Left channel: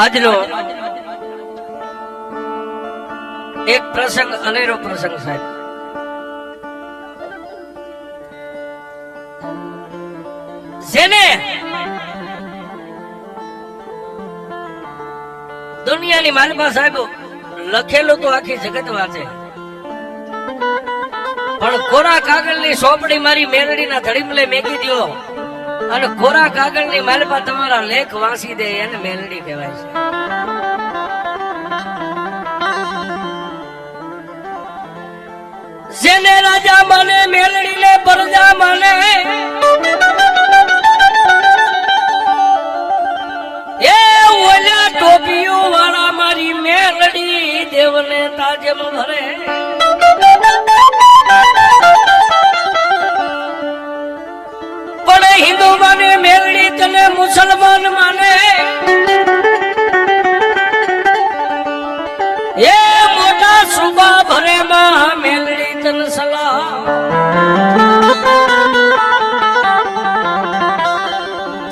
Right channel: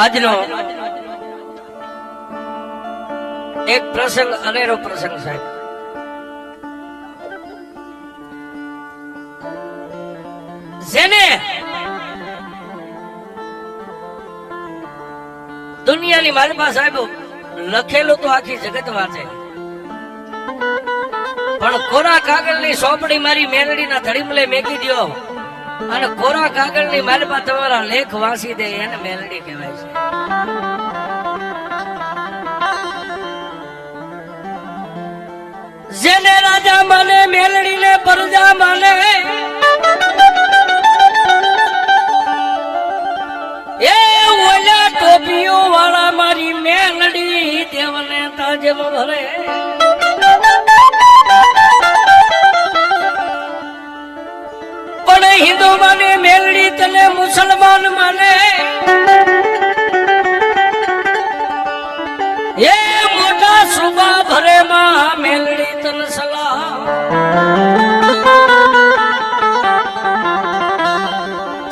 આજનો એક પ્રસંગ અનેરો પ્રસંગ સાહેબ. જેને દુનિયાની માલિકા સાહેબ લખેલું તો આખી જગત વાંચે, પણ કોરા કાગળની સોંપડી મારી મેલડીના ધડીમલે મેકી દ્યો અને કોરા કાગળની માલિકા તમારા લેખ વાંચી દે એને મેલડી કહેવાય છે. જેને રાજા માને મેલડીને પ્રજા માને, એ ઓલા ટોપીઓ વાળા મારી મેલડી દેવને તાજમ ભરે. પણ હિન્દુ માને મેલડી તને મુસલમાન માને, એ મોટા સુબા ભરે માં મેલડી તન સલાહ.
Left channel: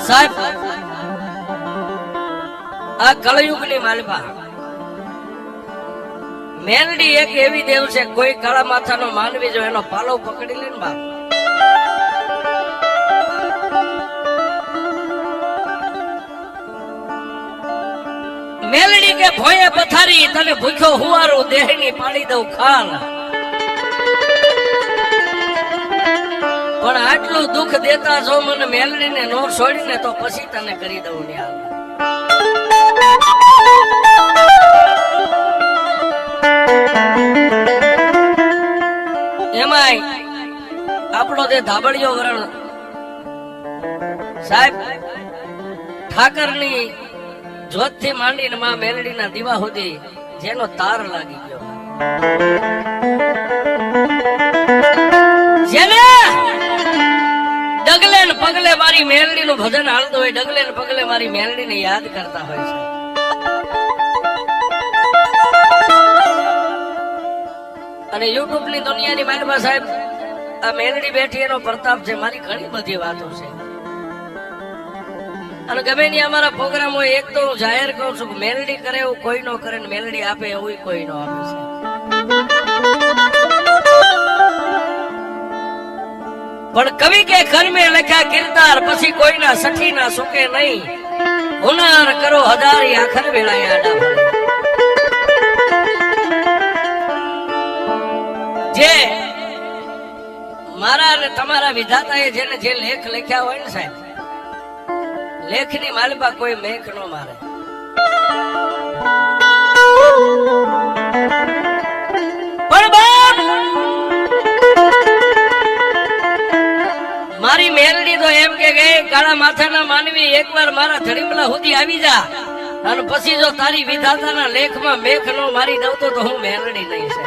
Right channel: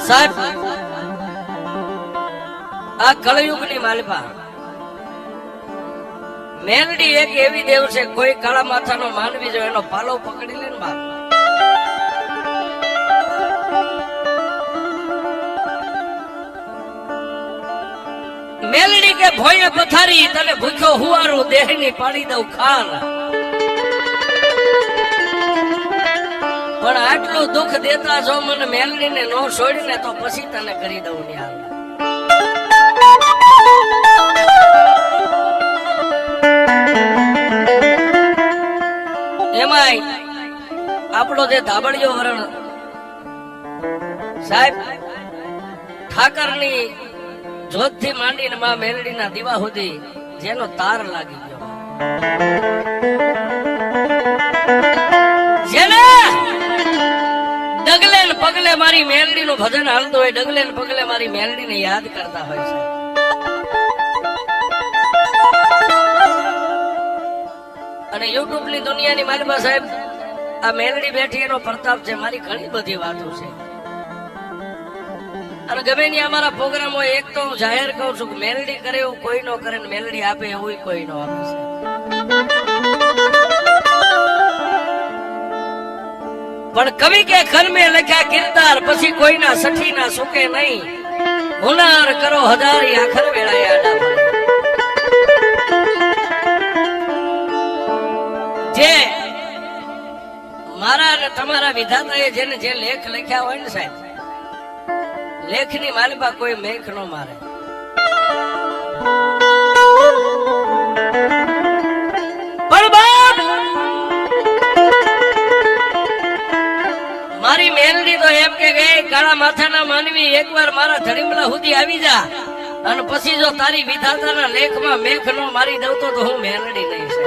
સાહેબ આ કળયુગની માલિકા મેલડી એક એવી દેવ છે, કોઈ કાળા માથાનો માનવી જો એનો પાલો પકડી લે ને બાપ, મેલડી કે ભોય પથારી તને ભૂખ્યો હુવારો દેહની પાડી દઉં ખાલ. પણ આટલું દુઃખ દેતા છો મને મેલડીને ન છોડીને તો પછી તને કરી દઉં ન્યાલ. એમાંય આપણો જે ધાબળિયો વરણ સાહેબ ઠાકરની જોત થી માંડીને માં મેલડીના દીવા સુધી જેનો તાર લાગી ગયો, જેને ડગલે ને પગલે મારી મેલડી નું ભજન હાલતું હોય, ડગલે ને પગલે મારી મેલડી ને યાદ કરતા હોય છે. અને યુટ્યુબ ની દુનિયાની માલિકા સાહેબ આ મેલડી બેઠી એનો પ્રતાપ છે. મારી ઘણી બધી વાતો છે અને ગમે ની અમારા પ્રોગ્રામ હોય એક તો હું જાહેર કહું છું, મેલડી કરે એવું કોઈ નો કરે ને મેલડી આપે એવું કોઈ નો આપે છે. પણ કવિ કે ઘર મેં લખ્યા કિરદાર, પછી કોઈના સઠી ના સુકે નહીં. હુનાર કરો હજારી આખર વેળાએ આડા ભરે. જે મારા અને તમારા વિધાતાએ જેને જે લેખ લખ્યા હોય ને સાહેબ, લેખની માલિકા કોઈ મેખ નો મારે. પણ મારી મેલડી તો એમ કે કાળા માથાના માનવી એકવાર મારા ધડીમલા સુધી આવી જા અને પછી જો તારી વિધાતાના લેખમાં મેખ નો મારી દઉં તો હું મેલડી નહીં છે.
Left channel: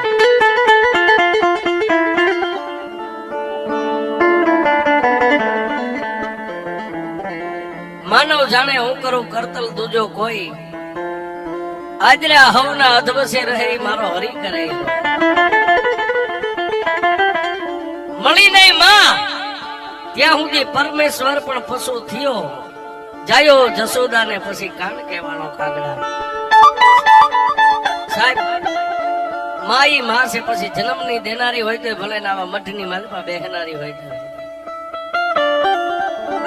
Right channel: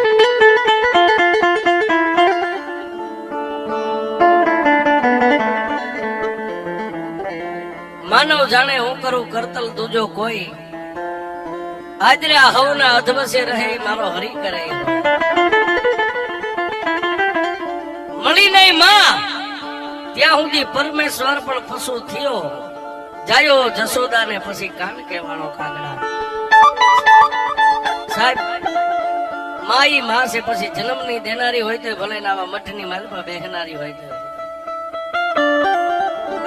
માનવ જાણે હું કરું કરતલ તુજો કોઈ, આજરા હવના અધવસે રહે મારો હરી કરે. મળી નહીં માં ત્યાં સુધી પરમેશ્વર પણ પશુ થયો, જાયો જશોદા ને પછી કાન કેવાનો કાગડા. સાહેબ માઈ માં છે, પછી જન્મ ની દેનારી હોય તો ભલે ના મઠની માલમાં બેહનારી હોય તો.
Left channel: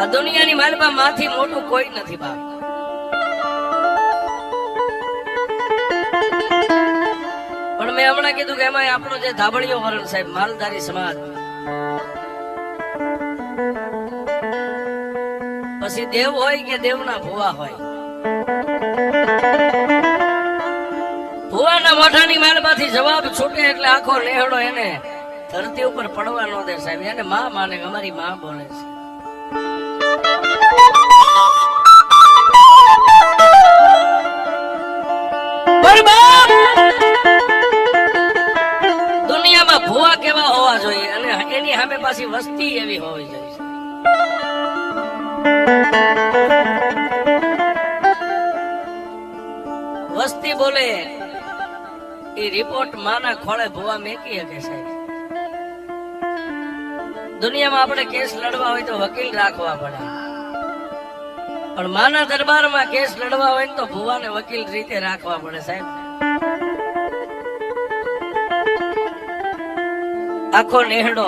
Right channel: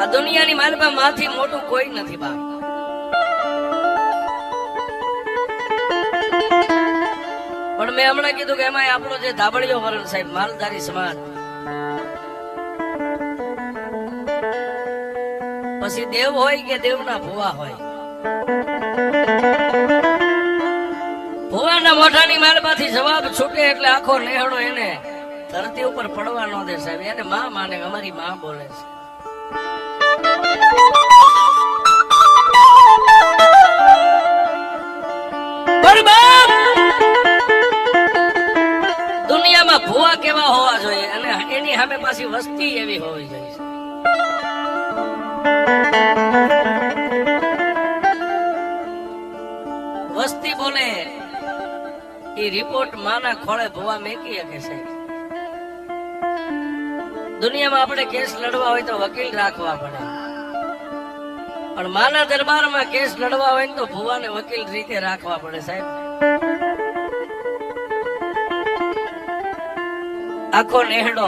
આ દુનિયાની માલિકા માંથી મોટું કોઈ નથી બાપ. પણ મેં હમણાં કીધું કે એમાં આપણો જે ધાબળિયો વરણ સાહેબ માલધારી સમાજ, પછી દેવ હોય કે દેવના ભુવા હોય, ભુવાના મોઢાની માલમાંથી જવાબ છૂટે એટલે આખો નેહડો એને ધરતી ઉપર પડવા નો દે સાહેબ. એને માં માને અમારી માં બોલે છે. દુનિયામાં ભુવા કેવા હોવા જોઈએ અને એની સામે પાછી વસ્તી એવી હોવી જોઈએ. વસ્તી બોલે એ રિપોર્ટ માના ખોળે ભુવા મેકી શકે સાહેબ. દુનિયામાં આપણે કેસ લડવા હોય તો વકીલ રાખવા પડે. પણ માના દરબારમાં કેસ લડવા હોય ને તો ભુવાને વકીલ રીતે રાખવા પડે સાહેબ. આખો નેહડો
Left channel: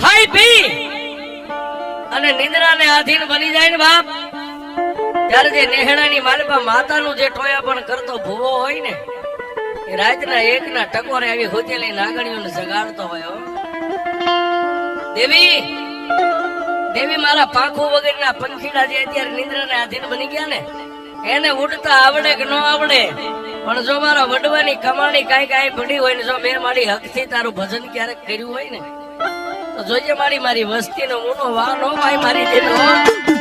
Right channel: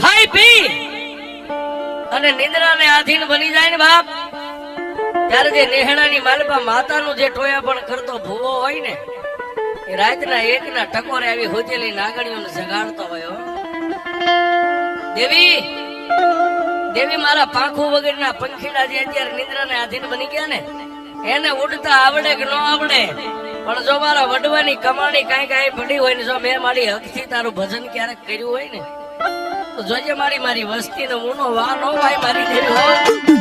ખાઈ પી અને નિંદ્રાને આધીન બની જાય ને બાપ, ત્યારે જે નેહડાની માલપા માતાનું જે ટોયા પણ કરતો ભૂવો હોય ને, એ રાતના એકના ટકોરે આવી હુતેલી નાગણીઓને જગાડતો હોય. દેવી દેવી મારા પાંખું વગરના પંખીડા જે અત્યારે નિંદ્રાને આધીન બની ગયા ને, એને ઉડતા આવડે કે ન આવડે, પણ જો મારા વડવાની કમાણી કાંઈ પડી હોય ને, જો મેં મારી હકથી તારું ભજન ક્યારેક કર્યું હોય ને, તો જોજે મારી વસ્તી નો મોનો વા નો હોય મારી દેવી.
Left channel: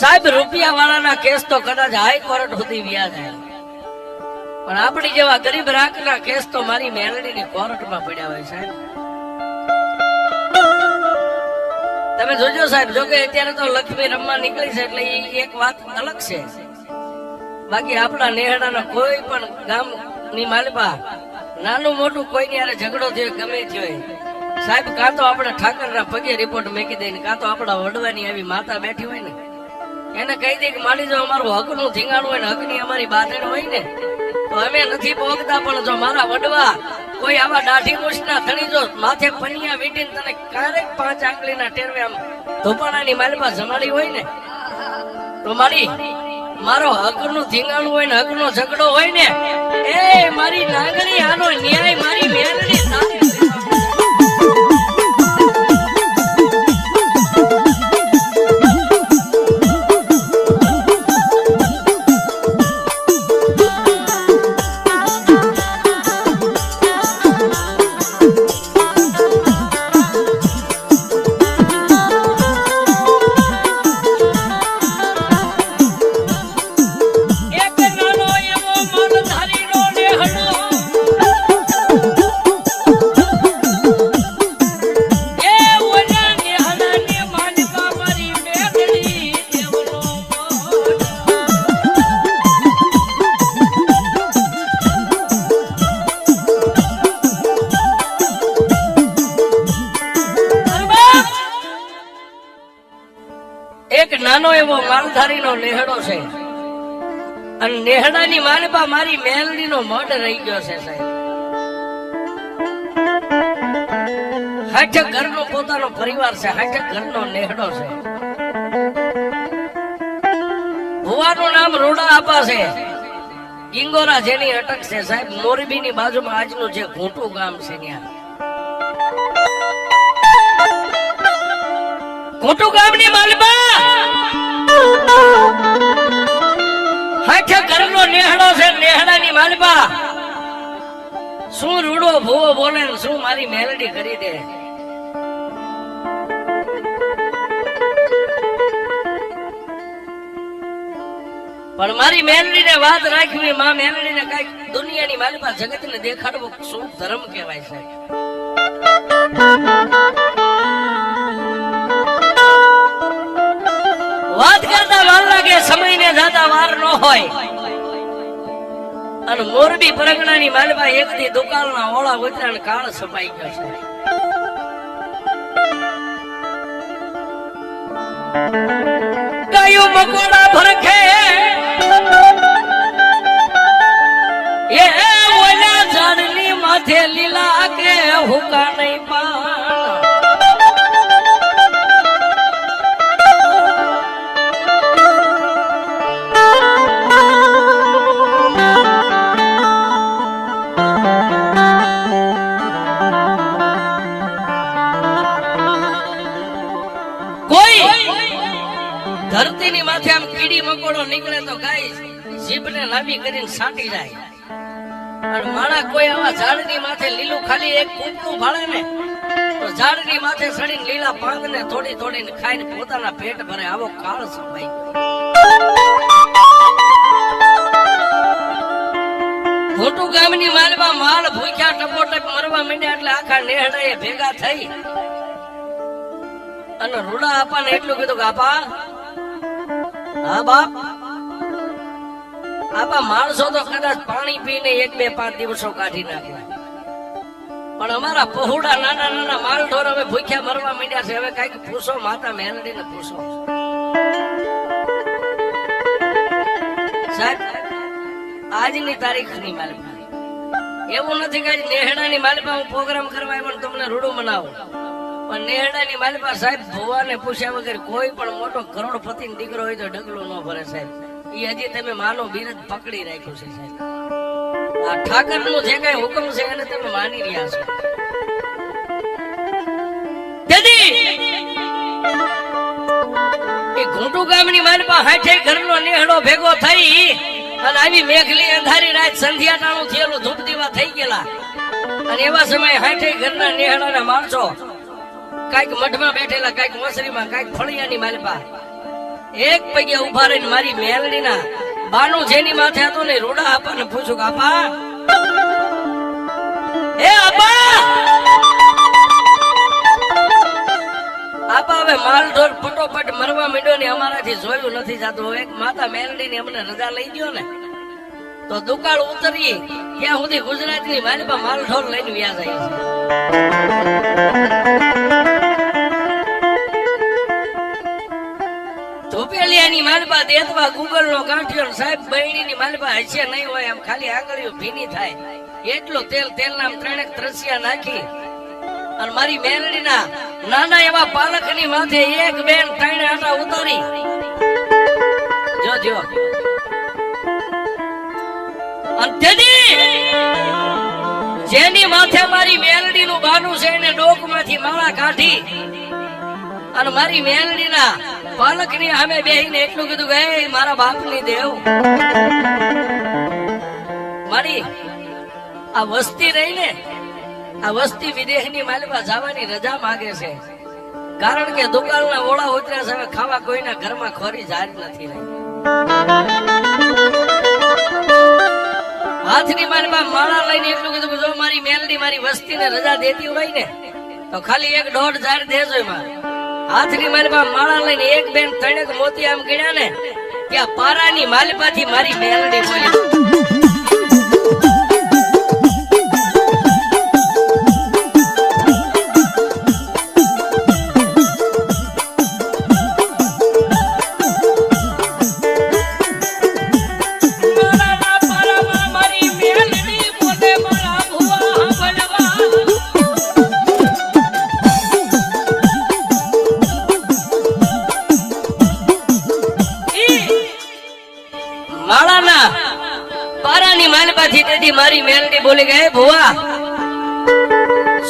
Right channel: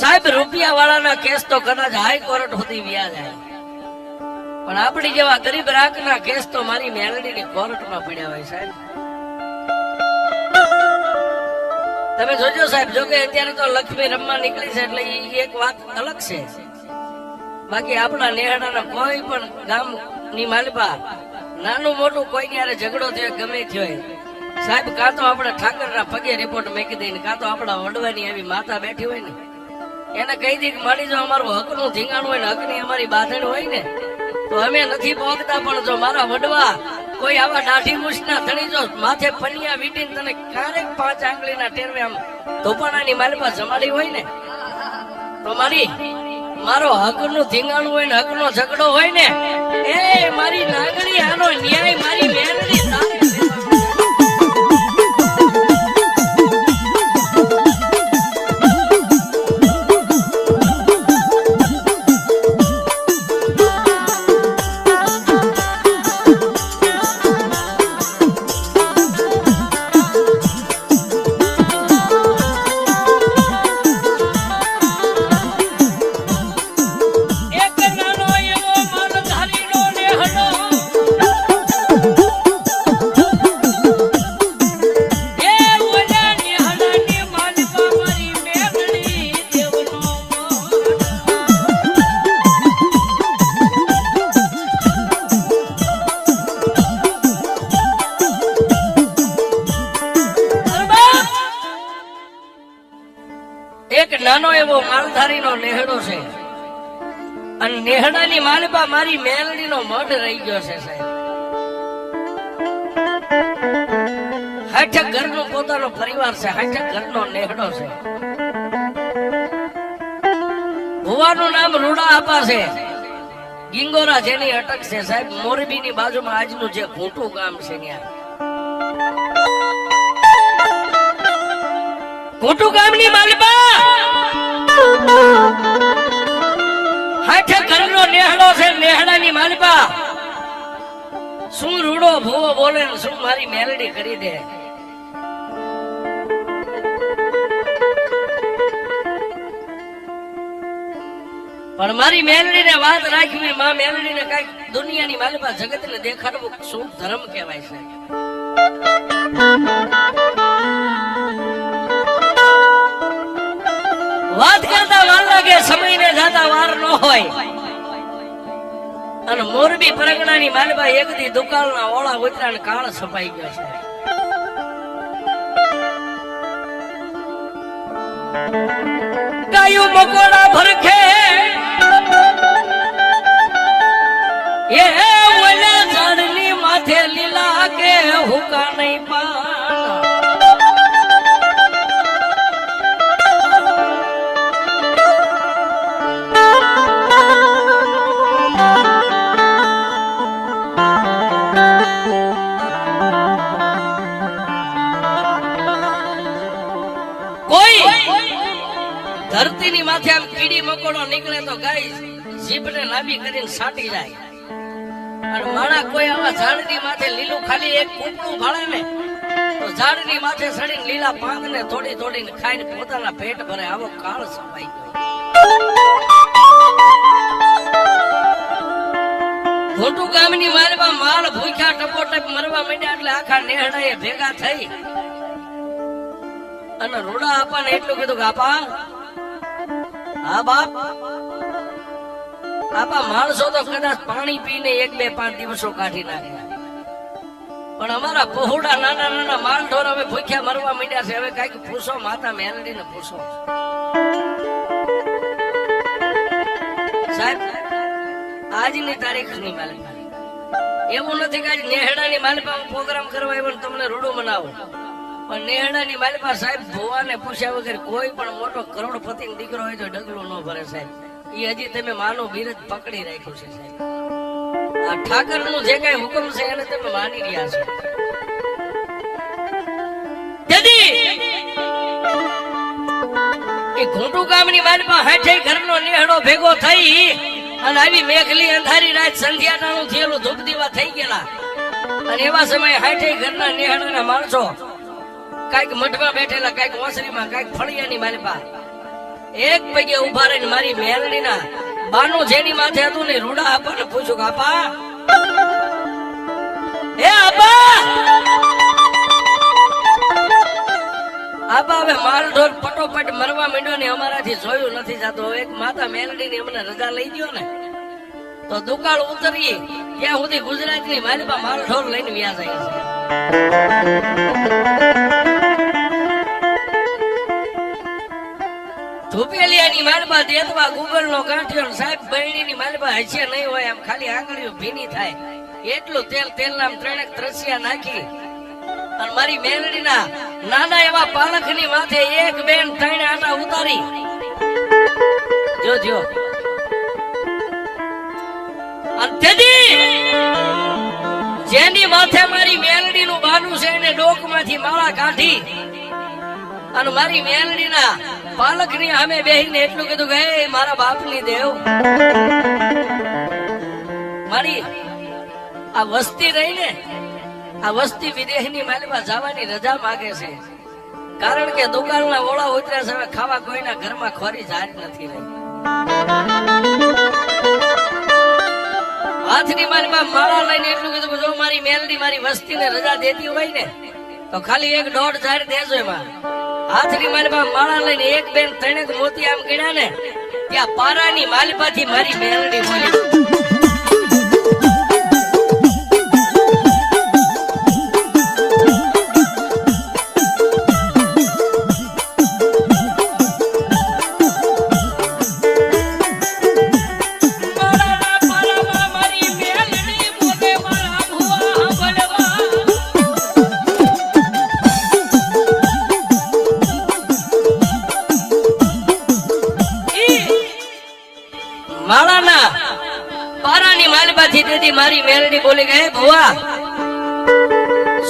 સાહેબ રૂપિયા વાળાના કેસ તો કદાચ હાઈકોર્ટ સુધી વ્યા જાય, પણ આપણી જેવા ગરીબ રાખના કેસ તો મારી મેલડીની કોર્ટમાં પડ્યા હોય સાહેબ. તમે જોજો સાહેબ, જો કે અત્યારે તો લક્ષ્મી રમવા નીકળી છે એટલે એક વાત અલગ છે, બાકી આપણા નેહાડાના કોઈ પણ ગામની માલપા નાનું મોટું કોઈની હારે ઝઘડો થયો ગમે થયો સાહેબ, કાં તો આપણે ઠાકરના પગે રિપોર્ટ મેકી દઈએ, કાં તો આપણા વડવાની એવી માતા બેઠી હોય ને એને કહી દે કે મારી જો અમારું હક નું ધીંગાણું હોય ને, હક ની અમારી બાંધણ હોય ને, તો અમે નથી પોગતા, પણ જો મારા વડવા કોઈ આવા દાઢી મૂછના ધણી જો માથે પનિયા વીટીને તને ક્યારેક 5 આંગળીના ટેરવે આમ ધોપાણાની માલમાં જમાડી હોય ને, તો મારો હક નું ધીંગાણું હોય ને, હક નો ઝઘડો હોય ને, એ મારી નાગણી આનો ન્યાય મારી મેલડી સામે નાનો એવો માલધારીનો નેહડો છે, અને નેહડાની માલપા મારી મેલડીનો મઢ રહી ગયો છે સાહેબ. હાઠ ઘરનો પોતાનો પરિવાર છે, હાઠ ઘરનો નેહડો છે. ભુવાનું નામ રોડા આપા છે, ગિંગોરા જેની અટક છે સાહેબ. મોરબીની બાજુમાં આજનું જે ઘૂંટું ગામ છે ત્યાં ઘૂંટું ગામની માલપા હાથે ઘરનો નેહડો છે. નેહડાની માલપા શું રૂડો ભૂવો બોલે, શું મારી મેલડી કરી દે. પણ મારી મેલડીને વાત રાખવી, માં મેલડીને કઈક દુનિયાની માલિપા જગતને દેખાડવું શું ધર્મ કહેવાય છે. વાત કરતા વાર લાગે, સમયને જાતા વાર ન હોય. અને મોરબી પરગણાની માલિપા એક દી દુકાળના ઓળા વતરા ને કાળ છપાઈ ગયો છે. ગાયું મકોડા ભરખે એ ઓલા ઝાડની માથે લીલા કે હુકા નહીં પાન. કોઈ ધરતીની માથે આમ કીડી મકોડો નીકળે તો ગાય જીભને લાંબી કરીને સાટી જાય. અને માણા કોઈ આવા ઝાડની માથે લીલું ખાલી એક કૂપડું ભાળે ને તો ઝાડની માથે સડીને લીલા પાંદને તોડી તોડીને ખાઈને પોતાના પેટ ભરે. આવો કાળ સંભાઈ ગયો. મોટું ગામની માલમાં માળ ભૂખ્યા ટપોટપ મરવા માંડ્યા એટલે આખા નેહડાએ ભેગા થઈ અને રૂડા આપાને એટલું કીધું કે આપા, હા બાપ, આપા માણસો તો કદાચ પાણી પીને 1-2-5 દિવસો કાઢી નાખે, પણ અમારા પહોળા નાના નાના માલ ઢોર અમે ભૂખ્યા મરવા માંડ્યા છે. હવે કઈક પૂછો, માતા મેલડીને પૂછો. સાહેબ, આજની તારીખની માલિપા એવું નથી કે નેહડાની માલિપા હું પ્રોગ્રામ કરવા આવ્યો તમને રૂડું મનાવું, પણ નેહડાની માલિપા સાહેબ ભુવાને પૂછ્યા વગર કોઈ પણ મોટો કરોડપતિ દીકરો હોય તો ઢગલું ન ભરે સાહેબ. એ હજી તમે માનો બિરજ પકડી રાખ્યું છે સાહેબ. આ ઠાકર નું જે કઈ હુકમ છે એને તમે માની રહ્યા છો. એ ઘૂંટુ ગામની માલિપા 60 ઘરનો નેહડો ભેગો થઈ અને આવી મેઘલી અંધારી રાત સંધ્યાટાણું થયેલું ધૂપ દીવા થઈ ગયેલા. અને એવા સમયે 60 ઘરના નેહડાના માણસો કઈક મઠમાં બેઠેલા, કઈક ઓસરીમાં, કઈક ફળિયાની માલિપા એક પગે ઉભા રહીને મારી મેલડીના બાનું જેની માથે હતું ને રૂડા આપાને પૂછ્યું કે આપા, એ આપા, આપા હવે માલ ઢોર ફટોફટ મરવા માંડ્યો ને અમારાથી જોયું નથી જતું. એક માતા મેલડીની અમને રજા લઈ ગયો ને તો દુકાળ ઉતરીએ ત્યાં સુધી ગુજરાતની માલિપા માલ ઢોર લઈને વ્યા જાય છે. ધોપેલિયાની માલિપા દેતવા ગુગળનો ગાંઠિયો સાહેબ બૈડીની માલિપા હશે નહીં હોય, આમ ખાલી આંગળીઓ ભીની થાય એટલું તેલ તેલના 3 ત્રસિયા નાખી અને મારી મેલડીના નાના એવા પાલકની માથે 1 બેન 3 આટા ઉતારી જોજો. જેની માથે મારી મેલડીનું બાનું છે એને ડોકમાંથી માળા કાઢી અને મારી મેલડીના પાલકની સામે બેહીને એટલું કીધું કે એ મારા બાપની દેવ, મારી આ વસ્તી રહી ને આ વસ્તી વિદેશની માલિપા જવાની રજા માંગે છે, કારણ કે દુકાળના ઓળા ઉતર્યા છે. હવે ખાવા કોઈના ઘરમાં ખોરી જારી નથી રહી. હાથની માલિપા માળા લઈને એટલું કીધું જો મારી મેલડી મારી વસ્તીને રજા દેતી હોય ને તો ખાલી 1-1.5 જારી દેજો એમાં. હાથની માલિપા માળા લઈને 1 બેન 3 મોતી આમ ગીડ્યા ને ત્યાં પારાની માલિપાથી મારી મેલડી બોલી, મારી મેલડી બોલી ગઈ, ભુવા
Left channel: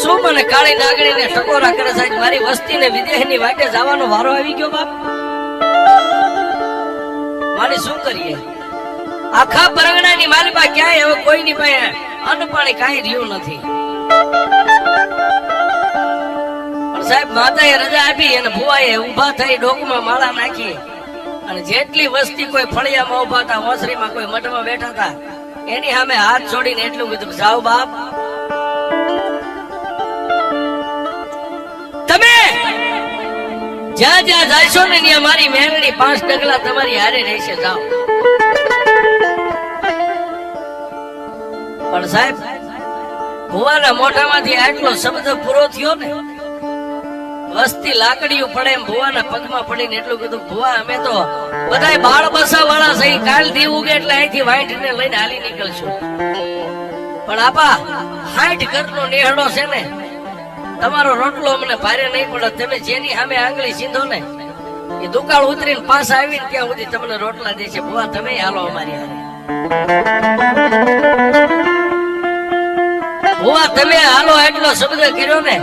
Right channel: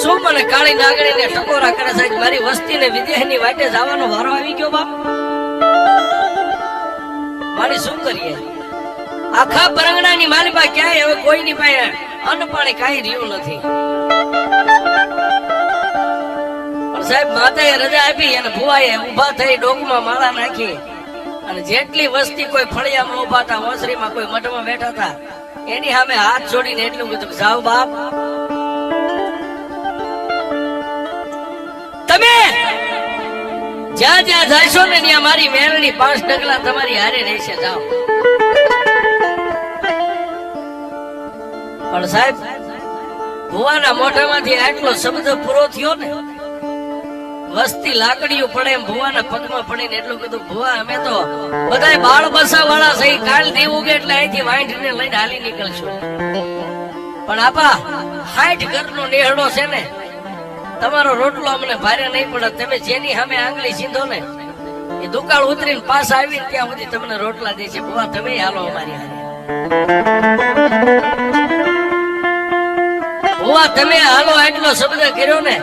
શું મને કાળી નાગણીને ટકોરા કરે છે? મારી વસ્તીને વિદેશની વાટે જવાનો વારો આવી ગયો બાપ, મારે શું કરીએ? આખા પરગણાની મારી પાસે ક્યાંય હવે કોઈની પાસે અન્ન પાણી કાંઈ રહ્યું નથી. પણ સાહેબ માતાએ રજા આપી અને ભુવાએ ઉભા થઈ ડોકમાં માળા નાખી અને જેટલી વસ્તી કોઈ ફળિયામાં ઉભા હતા, ઓસરીમાં કોઈ મઠમાં બેઠા હતા, એની સામે હાથ જોડીને એટલું કીધું, જાઓ બાપ, તમે જ્યાં જ્યાં જઈશો ને ત્યાં મારી મેલડી 5 ડગલા તમારી હારે રહેશે, જાઓ. પણ સાહેબ, ભુવાના મોઢામાંથી આટલો શબ્દ પૂરો થયો ને, વસ્તી લાકડીઓ પડે એમ ભુવાના પગમાં પડીને એટલું કીધું, ભુવા અમે તો બધાય બાળ બસા વાળા છે, કાલ દેવું કે એટલે અહીંથી વાંઢને લઈને હાલી નીકળશું. પણ આપા 60 ઘરનો નેહડો છે ને, તમારો રોટલો અમને ભારે નહીં પડે. તમે જેની સામે આંગળી સીધો ને, એ દુકાળ ઉતરીને પાછા આવીને ત્યાં સુધી તમને રોટલા દે છે. ભુવા તમે હાલો અમારી હારે, ભુવા તમે હાલો એટલો શબ્દ કર્યો ને,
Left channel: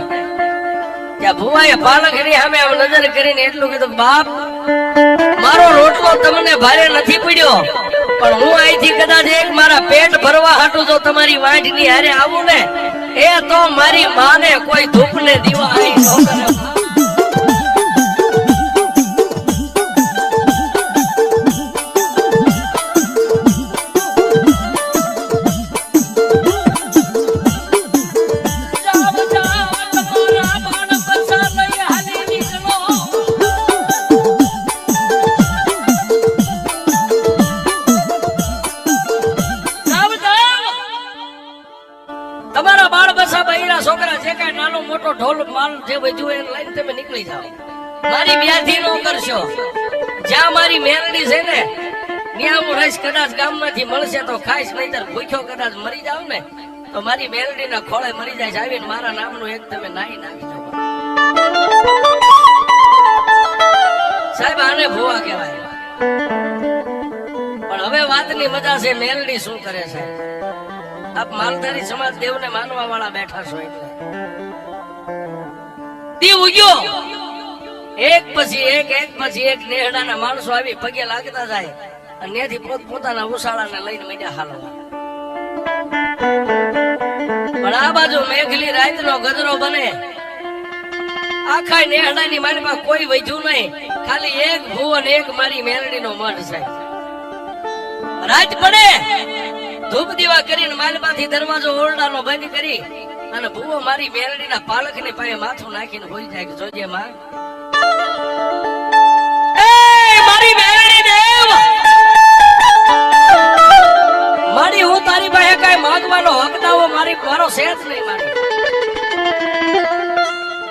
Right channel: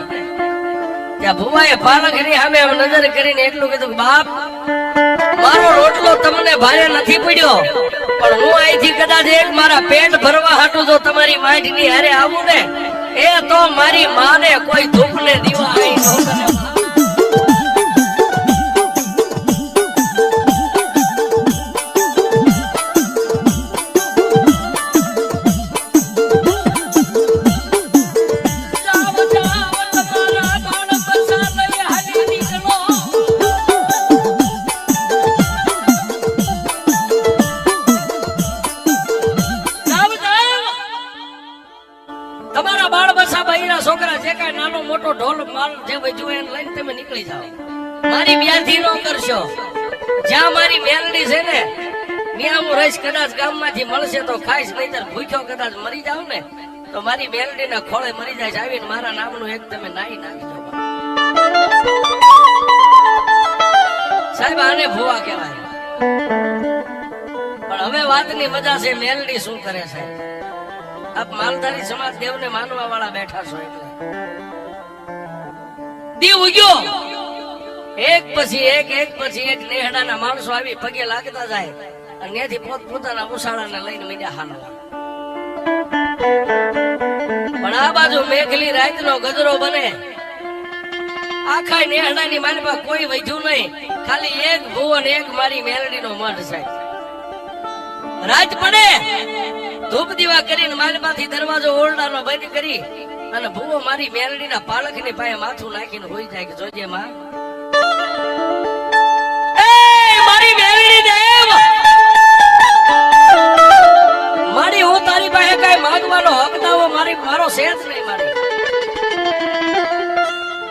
ત્યાં ભુવાએ પાલકની સામે આમ નજર કરીને એટલું કીધું, બાપ મારો રોટલો તમને ભારે નથી પડ્યો, પણ હું અહીંથી કદાચ એક મારા પેટ ભરવા હાટું જો તમારી વાંઢની હારે આવું ને, એ તો મારી માને કોઈ ધૂપ ને દીવા અહીં ન કરે. તમારા બાળ બસા બૈરા છોકરા જે કાંઈ નાનો મોટો ઢોલ માલ જે વધ્યું એને લઈને તમે નીકળી જાઓ. મારી વ્યાધિ ન કરશો. જ્યાં મારી મેલડી છે ને ત્યાં હું રહીશ. કદાચ ગામમાંથી મળશે તો ખાઈશ, નહીંતર ભૂખ્યો કદાચ મરી જાવ ને તો મારી મેલડી ના ખોળે મરી જાય છે. આવીને મારા નામનું એક તમે નાઈ નાખજો. સાહેબ આને ભુવા કહેવાય. પણ હવે વાતની મજા છે, મેલડી શું કરે છે. આપ માલધારી સમાજ દેવને માનવા વાળા બેઠા છો એટલે દી ઉગ્યો. એક પછી એક નેહડાના માણસો આવી પગે લાગતા જાય અને ત્યાંથી પોતાના ઉસાળાને લઈને મીડા હાલવા. પણ આ બાજુ મેઘલી રાતનો ગજરો બને. આખા નેહડાની મારી પાસે કોઈ વધ્યું નહીં, ખાલી એક ભુવન એક મારી મેલડીનો મઢ છે. રાત પડે, ધૂપ દીવા કરીને માલમાંથી દરવાજો ઓરડાનો બંધ કરી અને ભુવો મારી મેલડીના પાલકની પાસે માથું નાખીને હોઈ જાય કે જોજે માં, મારી મેલડી દેવ, મારી હું તારી પાસે કઈ માંગવાનો હક દાવો મારો શેષ નહીં.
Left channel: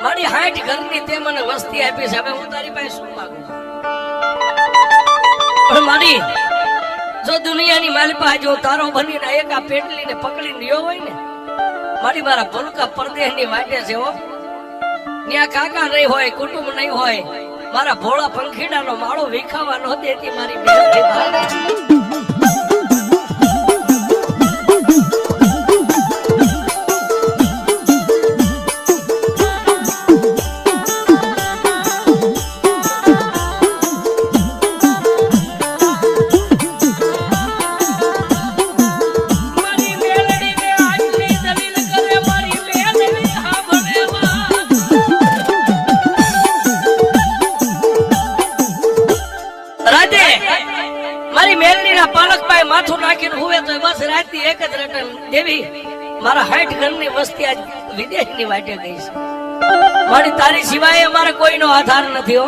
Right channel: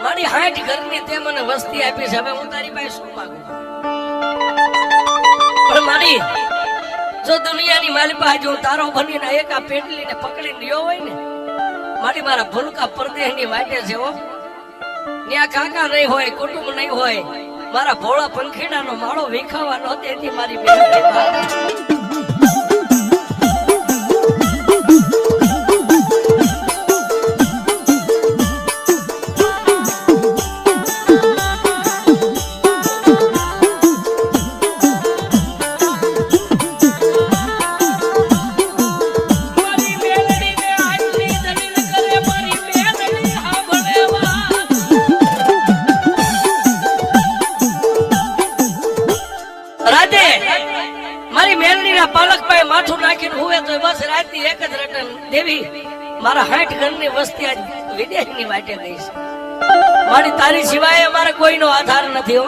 મારી 60 ઘરની તે મને વસ્તી આપી છે, હવે હું તારી પાસે શું માંગુ? પણ મારી જો દુનિયાની મારી પાસે જો તારો બનીને એક આ પેટલીને પકડીને રહ્યો હોય ને, મારી મારા ભૂલકા પરદેહની વાટે છે હો. ન્યા કાકા નહીં હોય, કુટુંબ નહીં હોય, મારા ભોળા પંખીડાનો માળો વિખાવા નો દેતી મારી મેલડી. મારી મેલડીના પાલક પાસે માથું નાખીને હુએ તો બસ રાતની એક જ રટન દેવી. મારા 60 ઘરની વસ્તી આજ વિદેશની વાટે ગઈ છે. મારી તારી સિવાય અમારે કોઈનો આધાર નથી હો.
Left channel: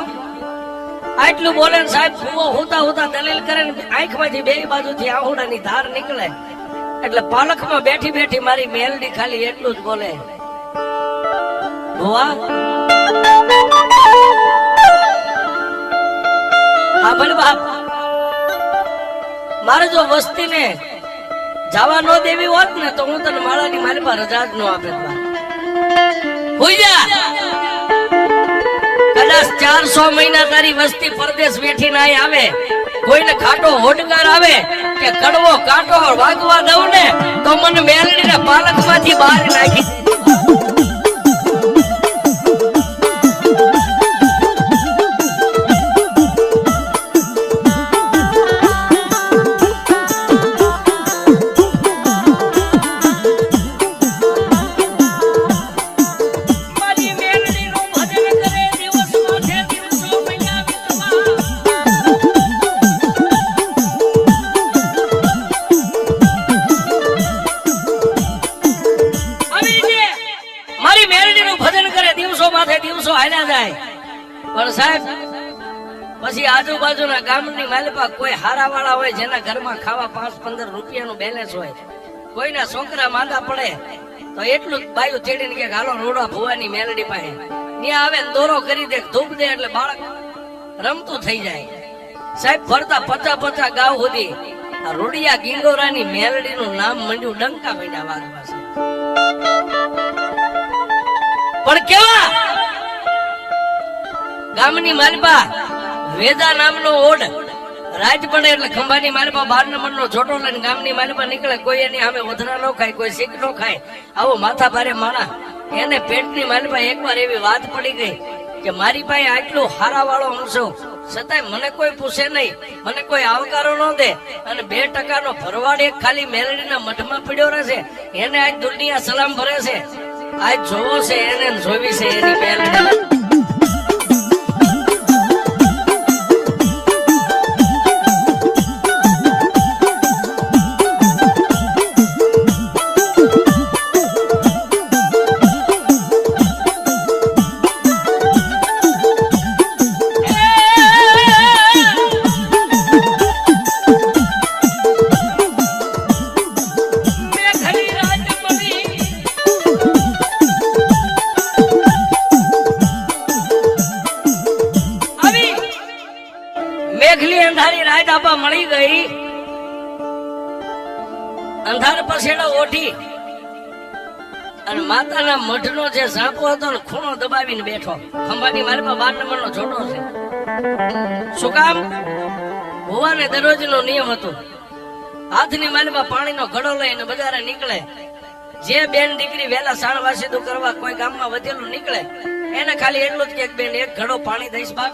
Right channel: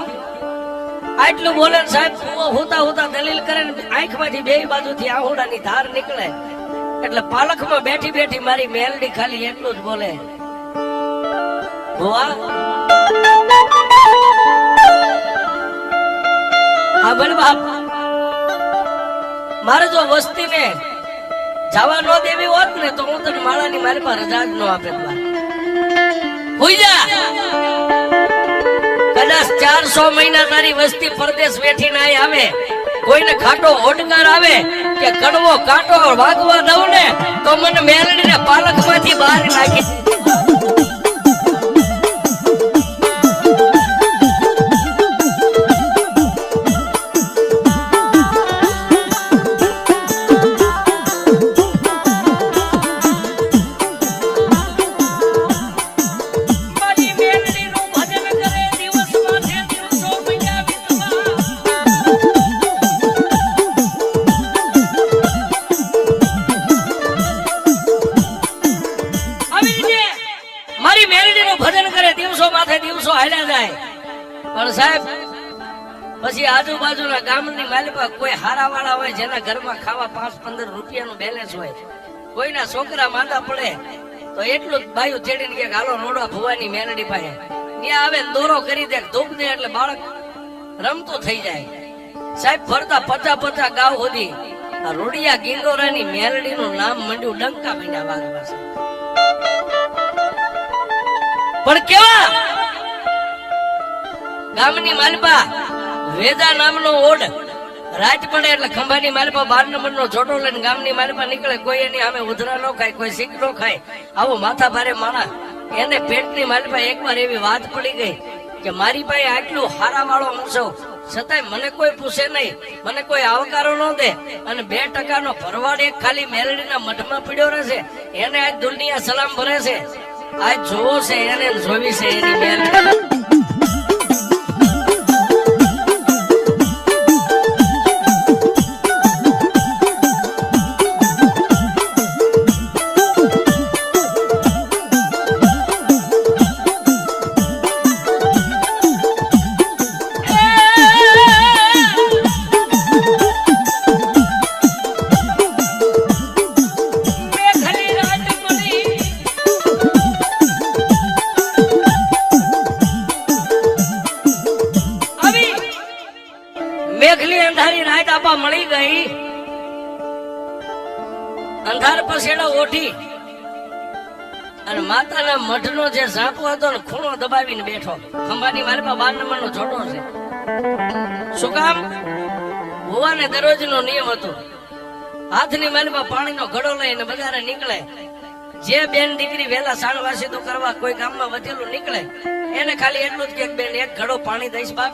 આટલું બોલે ને સાહેબ, હોતા હોતા દલીલ કરે ને આંખમાંથી બે બાજુથી આહુડાની ધાર નીકળે એટલે પાલકમાં બેઠી બેઠી મારી મેલડી ખાલી એટલું જ બોલે, ભુવા આ બોલ બાપ, મારે જો વસ્તીને જવા ન દેવી હોત ને તો હું તને માળાની મારી પર રજા જ ન આપે. કદાચ 400 મહિના તારી વસ્તી પરદેશ બેઠી ના આવે, કોઈને ખાટો હોડકાર આવે કે કડવો કાંટો વાગવા દઉં ને તો મને મેલડીને પાલક માંથી બહાર નાખી. પછી આજુબાજુના ગામની માલિપા કોઈ હારા વાળા હોય જેના ઘરમાં ખાવા 5-15 રૂપિયાનું બેલેન્સ હોય, કોઈના છોકરા માંદા પડે તો એટલું જ બાયું ચડીને કે હાલો રોડા ભુવાની મેલડી પાસે ત્યાં આવે ને દોરો કરી દે, ધૂપ દે એટલે બાળક રમતું થઈ જાય. સાહેબ ફરતા 50 ગાવ સુધી રોડિયા ગિંડોરાની મેલડીનું નામ મંડ્યું ડંકા મીંડા વાગે પાસે. પણ કેવા ગામની માલપા વેદા નામનો ઓડ રાજ પડે એટલે ખંભાની માલપા 12 નંબરનો છોટો લઈને ગામની માલપા નીકળે. કોઈ એની સામે ઉધરા નો ખાય, કોઈ શીખ નો ખાય. આવો માથા ભારે માણસ એને પેટની માલપા એકવાર એવી વાત પડી ગઈ કે મારી પાસે આટલું હારા વાળો હંસો છતાંય મને કોઈ પૂછે નહીં, મને કોઈ આવકારો ન દે અને 2% નો ભરવાડ એક ખાલી મેલડીના મઠમાં પડ્યો રહેશે. એને આજ દુનિયા સલામ ભરે છે, આજ જોવો છે એને જોવી છે એની મેલડી. મેઘલી અંધારી રાત આપા મળી ગઈ. અંધાર પછેડા ઓઠી અને માતાના મઢનો જે સાપો હતો ને ખૂણો દબાવીને બેઠો. ખંભાની માલપા 12 નંબરનો છોટો છે. શું કામ? હોવાને દરરોજનો નિયમ હતો. હાથની માલપા પાણીનો ઘડો લઈને બજારે નીકળે. જે બેન દીકરી વેલા સાણવાસીદું કરવા કોઈ ગામમાં વચેલું નીકળે એને ખાલી એટલું જ કે બેન એક ઘડો પાણી દઈશ બાપ.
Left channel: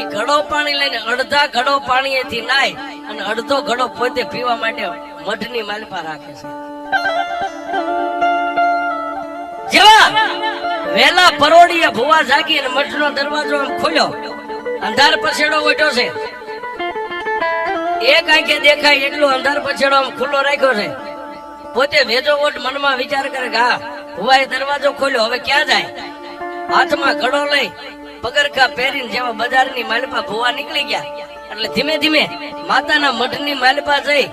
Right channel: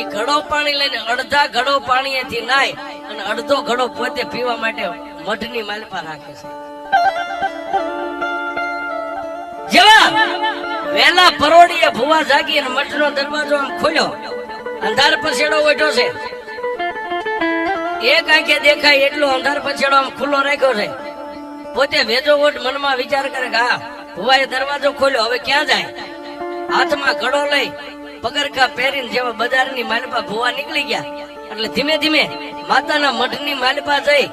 એ ઘડો પાણી લઈને અડધા ઘડો પાણીએથી નાય અને અડધો ઘડો પોતે પીવા માટે મઠની માલપા રાખે છે. જેવા વેલા પરોડીએ ભુવા જાગી અને મઠનો દરવાજો ખોલ્યો. અંધાર પછેડો ઓઢ્યો છે. એક આંખે દેખાય એટલો અંધાર પછેડો ખુલ્લો રાખ્યો છે. પોતે વેજો ઓટ મનમાં વિચાર કરે કે હા ભુવાએ દરવાજો ખોલ્યો, હવે ક્યાં જાય? હાથમાં ઘડો લઈ પગરખા પહેરીને જેવા બજારની માલપા ભુવા નીકળી ગયા. એટલે ધીમે ધીમે માતાના મઠની માલપા જઈ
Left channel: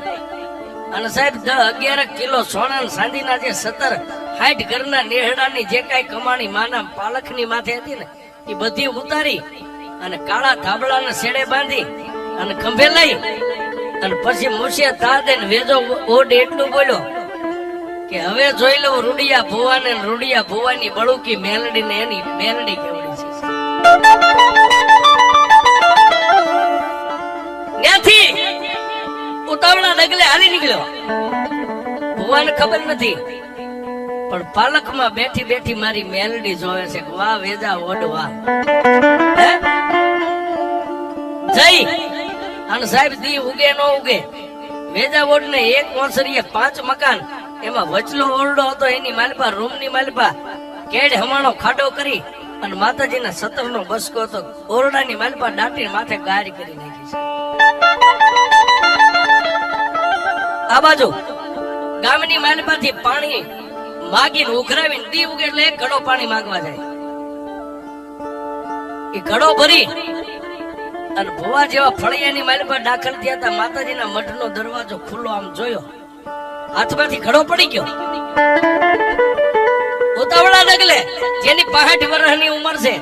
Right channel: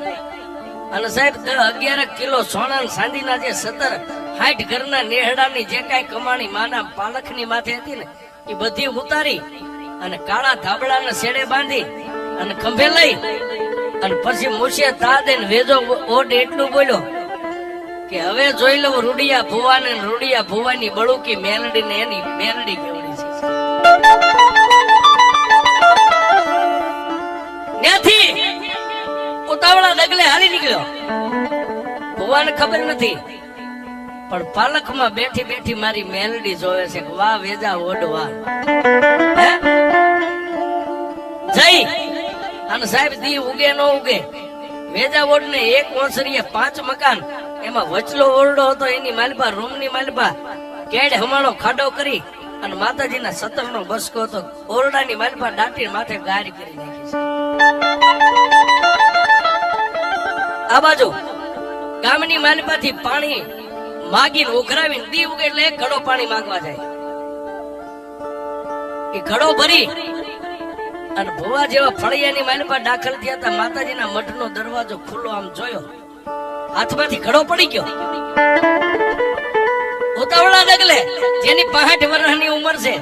અને સાહેબ 10-11 કિલો સોના ચાંદીના જે 70-60 ઘરના નેહડાની જે કાંઈ કમાણી માના પાલખની માથે હતી ને એ બધી ઉતારી અને કાળા ધાબળાના શેડે બાંધી અને ખંભે લઈ અને પછી મૂછે દાદ અને વેજો ઓટ એટલું બોલ્યો કે હવે જોઈ લઉં રૂડિયા ભુવાને રૂડિયા ભુવાની બળુકી મેલડીને એની મેલડી કેવડી છે. ત્યાંથી ઉતાવળા ડગલે હાલી નીકળ્યો. ભુવાને ખબર નથી પણ પાલખમાં બેઠી બેઠી મારી મેલડી જોવે છે. વાહ વેજા ઓડવા જઈ અને સાહેબ દી ઉગે ન ઉગે વેજા ઓડ ને એક ઓસરીએ 5 મકાન એમાં વચલો ઓરડો હતો. એની માલપા રૂમની માલપા કેડ હમાણો ખાડો કરી અને માતાજીના 17 નો બસકો હતો. ઓરડાની માલપા દાટી માથે ગાડી કરી નાખી છે. આ બાજુ ગામની માલપાથી પાણી માગીને ઉઘરાવીને દી ઉગે એટલે એક ઘડો પાણી માંગવા જાય. એ ઘડો ભરી અને ભુવા જેવા ફળિયાની માલપા દાખલ થયા હતા. માતાજીના મઠનો દરવાજો ખુલ્લો આમ જોયો, હાથમાંથી ઘડો પડી ગયો. ઉતાવળા ડગલે જેની 65 વર્ષની ઉંમર છે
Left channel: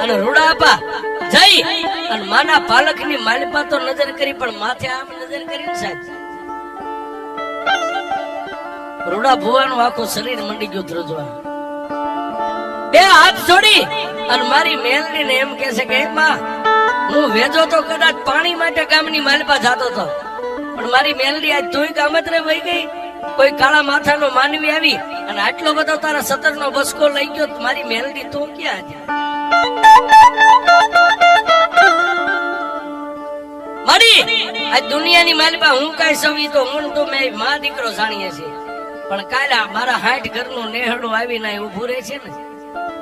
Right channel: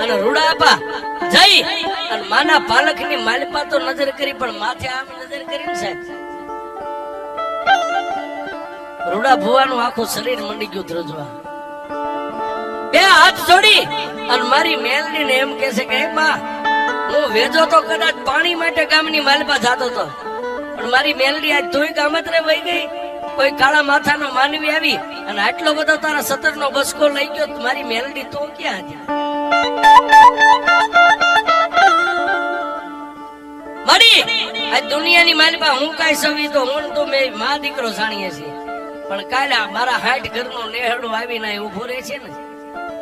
અને રૂડા આપા જઈ અને માના પાલખની માલપા તો નજર કરી પણ માથે આમ નજર કરીને સાહેબ રૂડા ભુવાનું આખું શરીર મંડી ગયું ધ્રુજવા. 2 હાથ જોડી અને મારી મેલડીને એમ કહે છે કે માં હું વેજો તો કદાચ પાણી માટે ગામની માલપા જતો હતો પણ મારી મેલડી આજ તોય ગામત્રે વહી ગઈ. કોઈ કાળા માથાનો માનવી આવી અને આટલો બધો તારા 17 નો બસકો લઈ ગયો. મારી મેલડી તો ક્યાં હતી? મારી આજ દુનિયાની માલપા હું કાઈ સવી તો હું તો મેં માં દીકરો જાણીએ છીએ પણ કાલે મારા 60 ઘરનો નેહડો આવીને ઉભો રહે છે ને.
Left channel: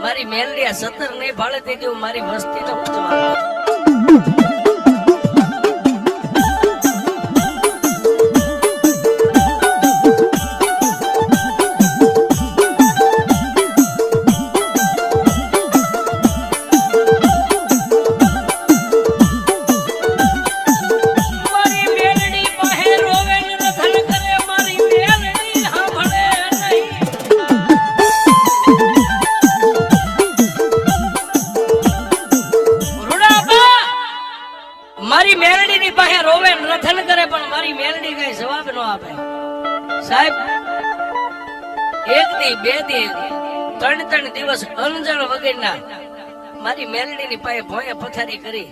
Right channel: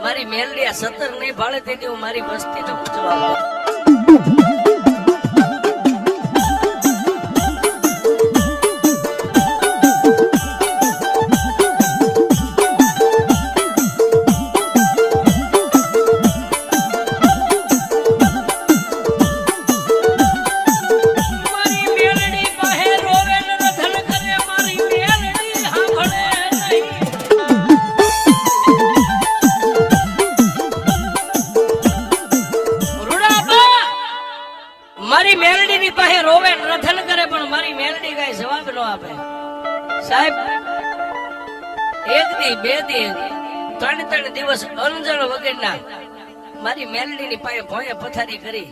મારી મેલડી આ 17 ને ભાળે તેથી હું મારી વસ્તી તો જવાબ મારી મેલડીની પાસે રોવે રથન કરે પણ મારી મેલડી કઈ જવાબ ન આપે. સાહેબ એક દી બે દી 3 દિવસ અનજણ વગરના મારી મેલડીની પાસે ભોંય પથારી કરી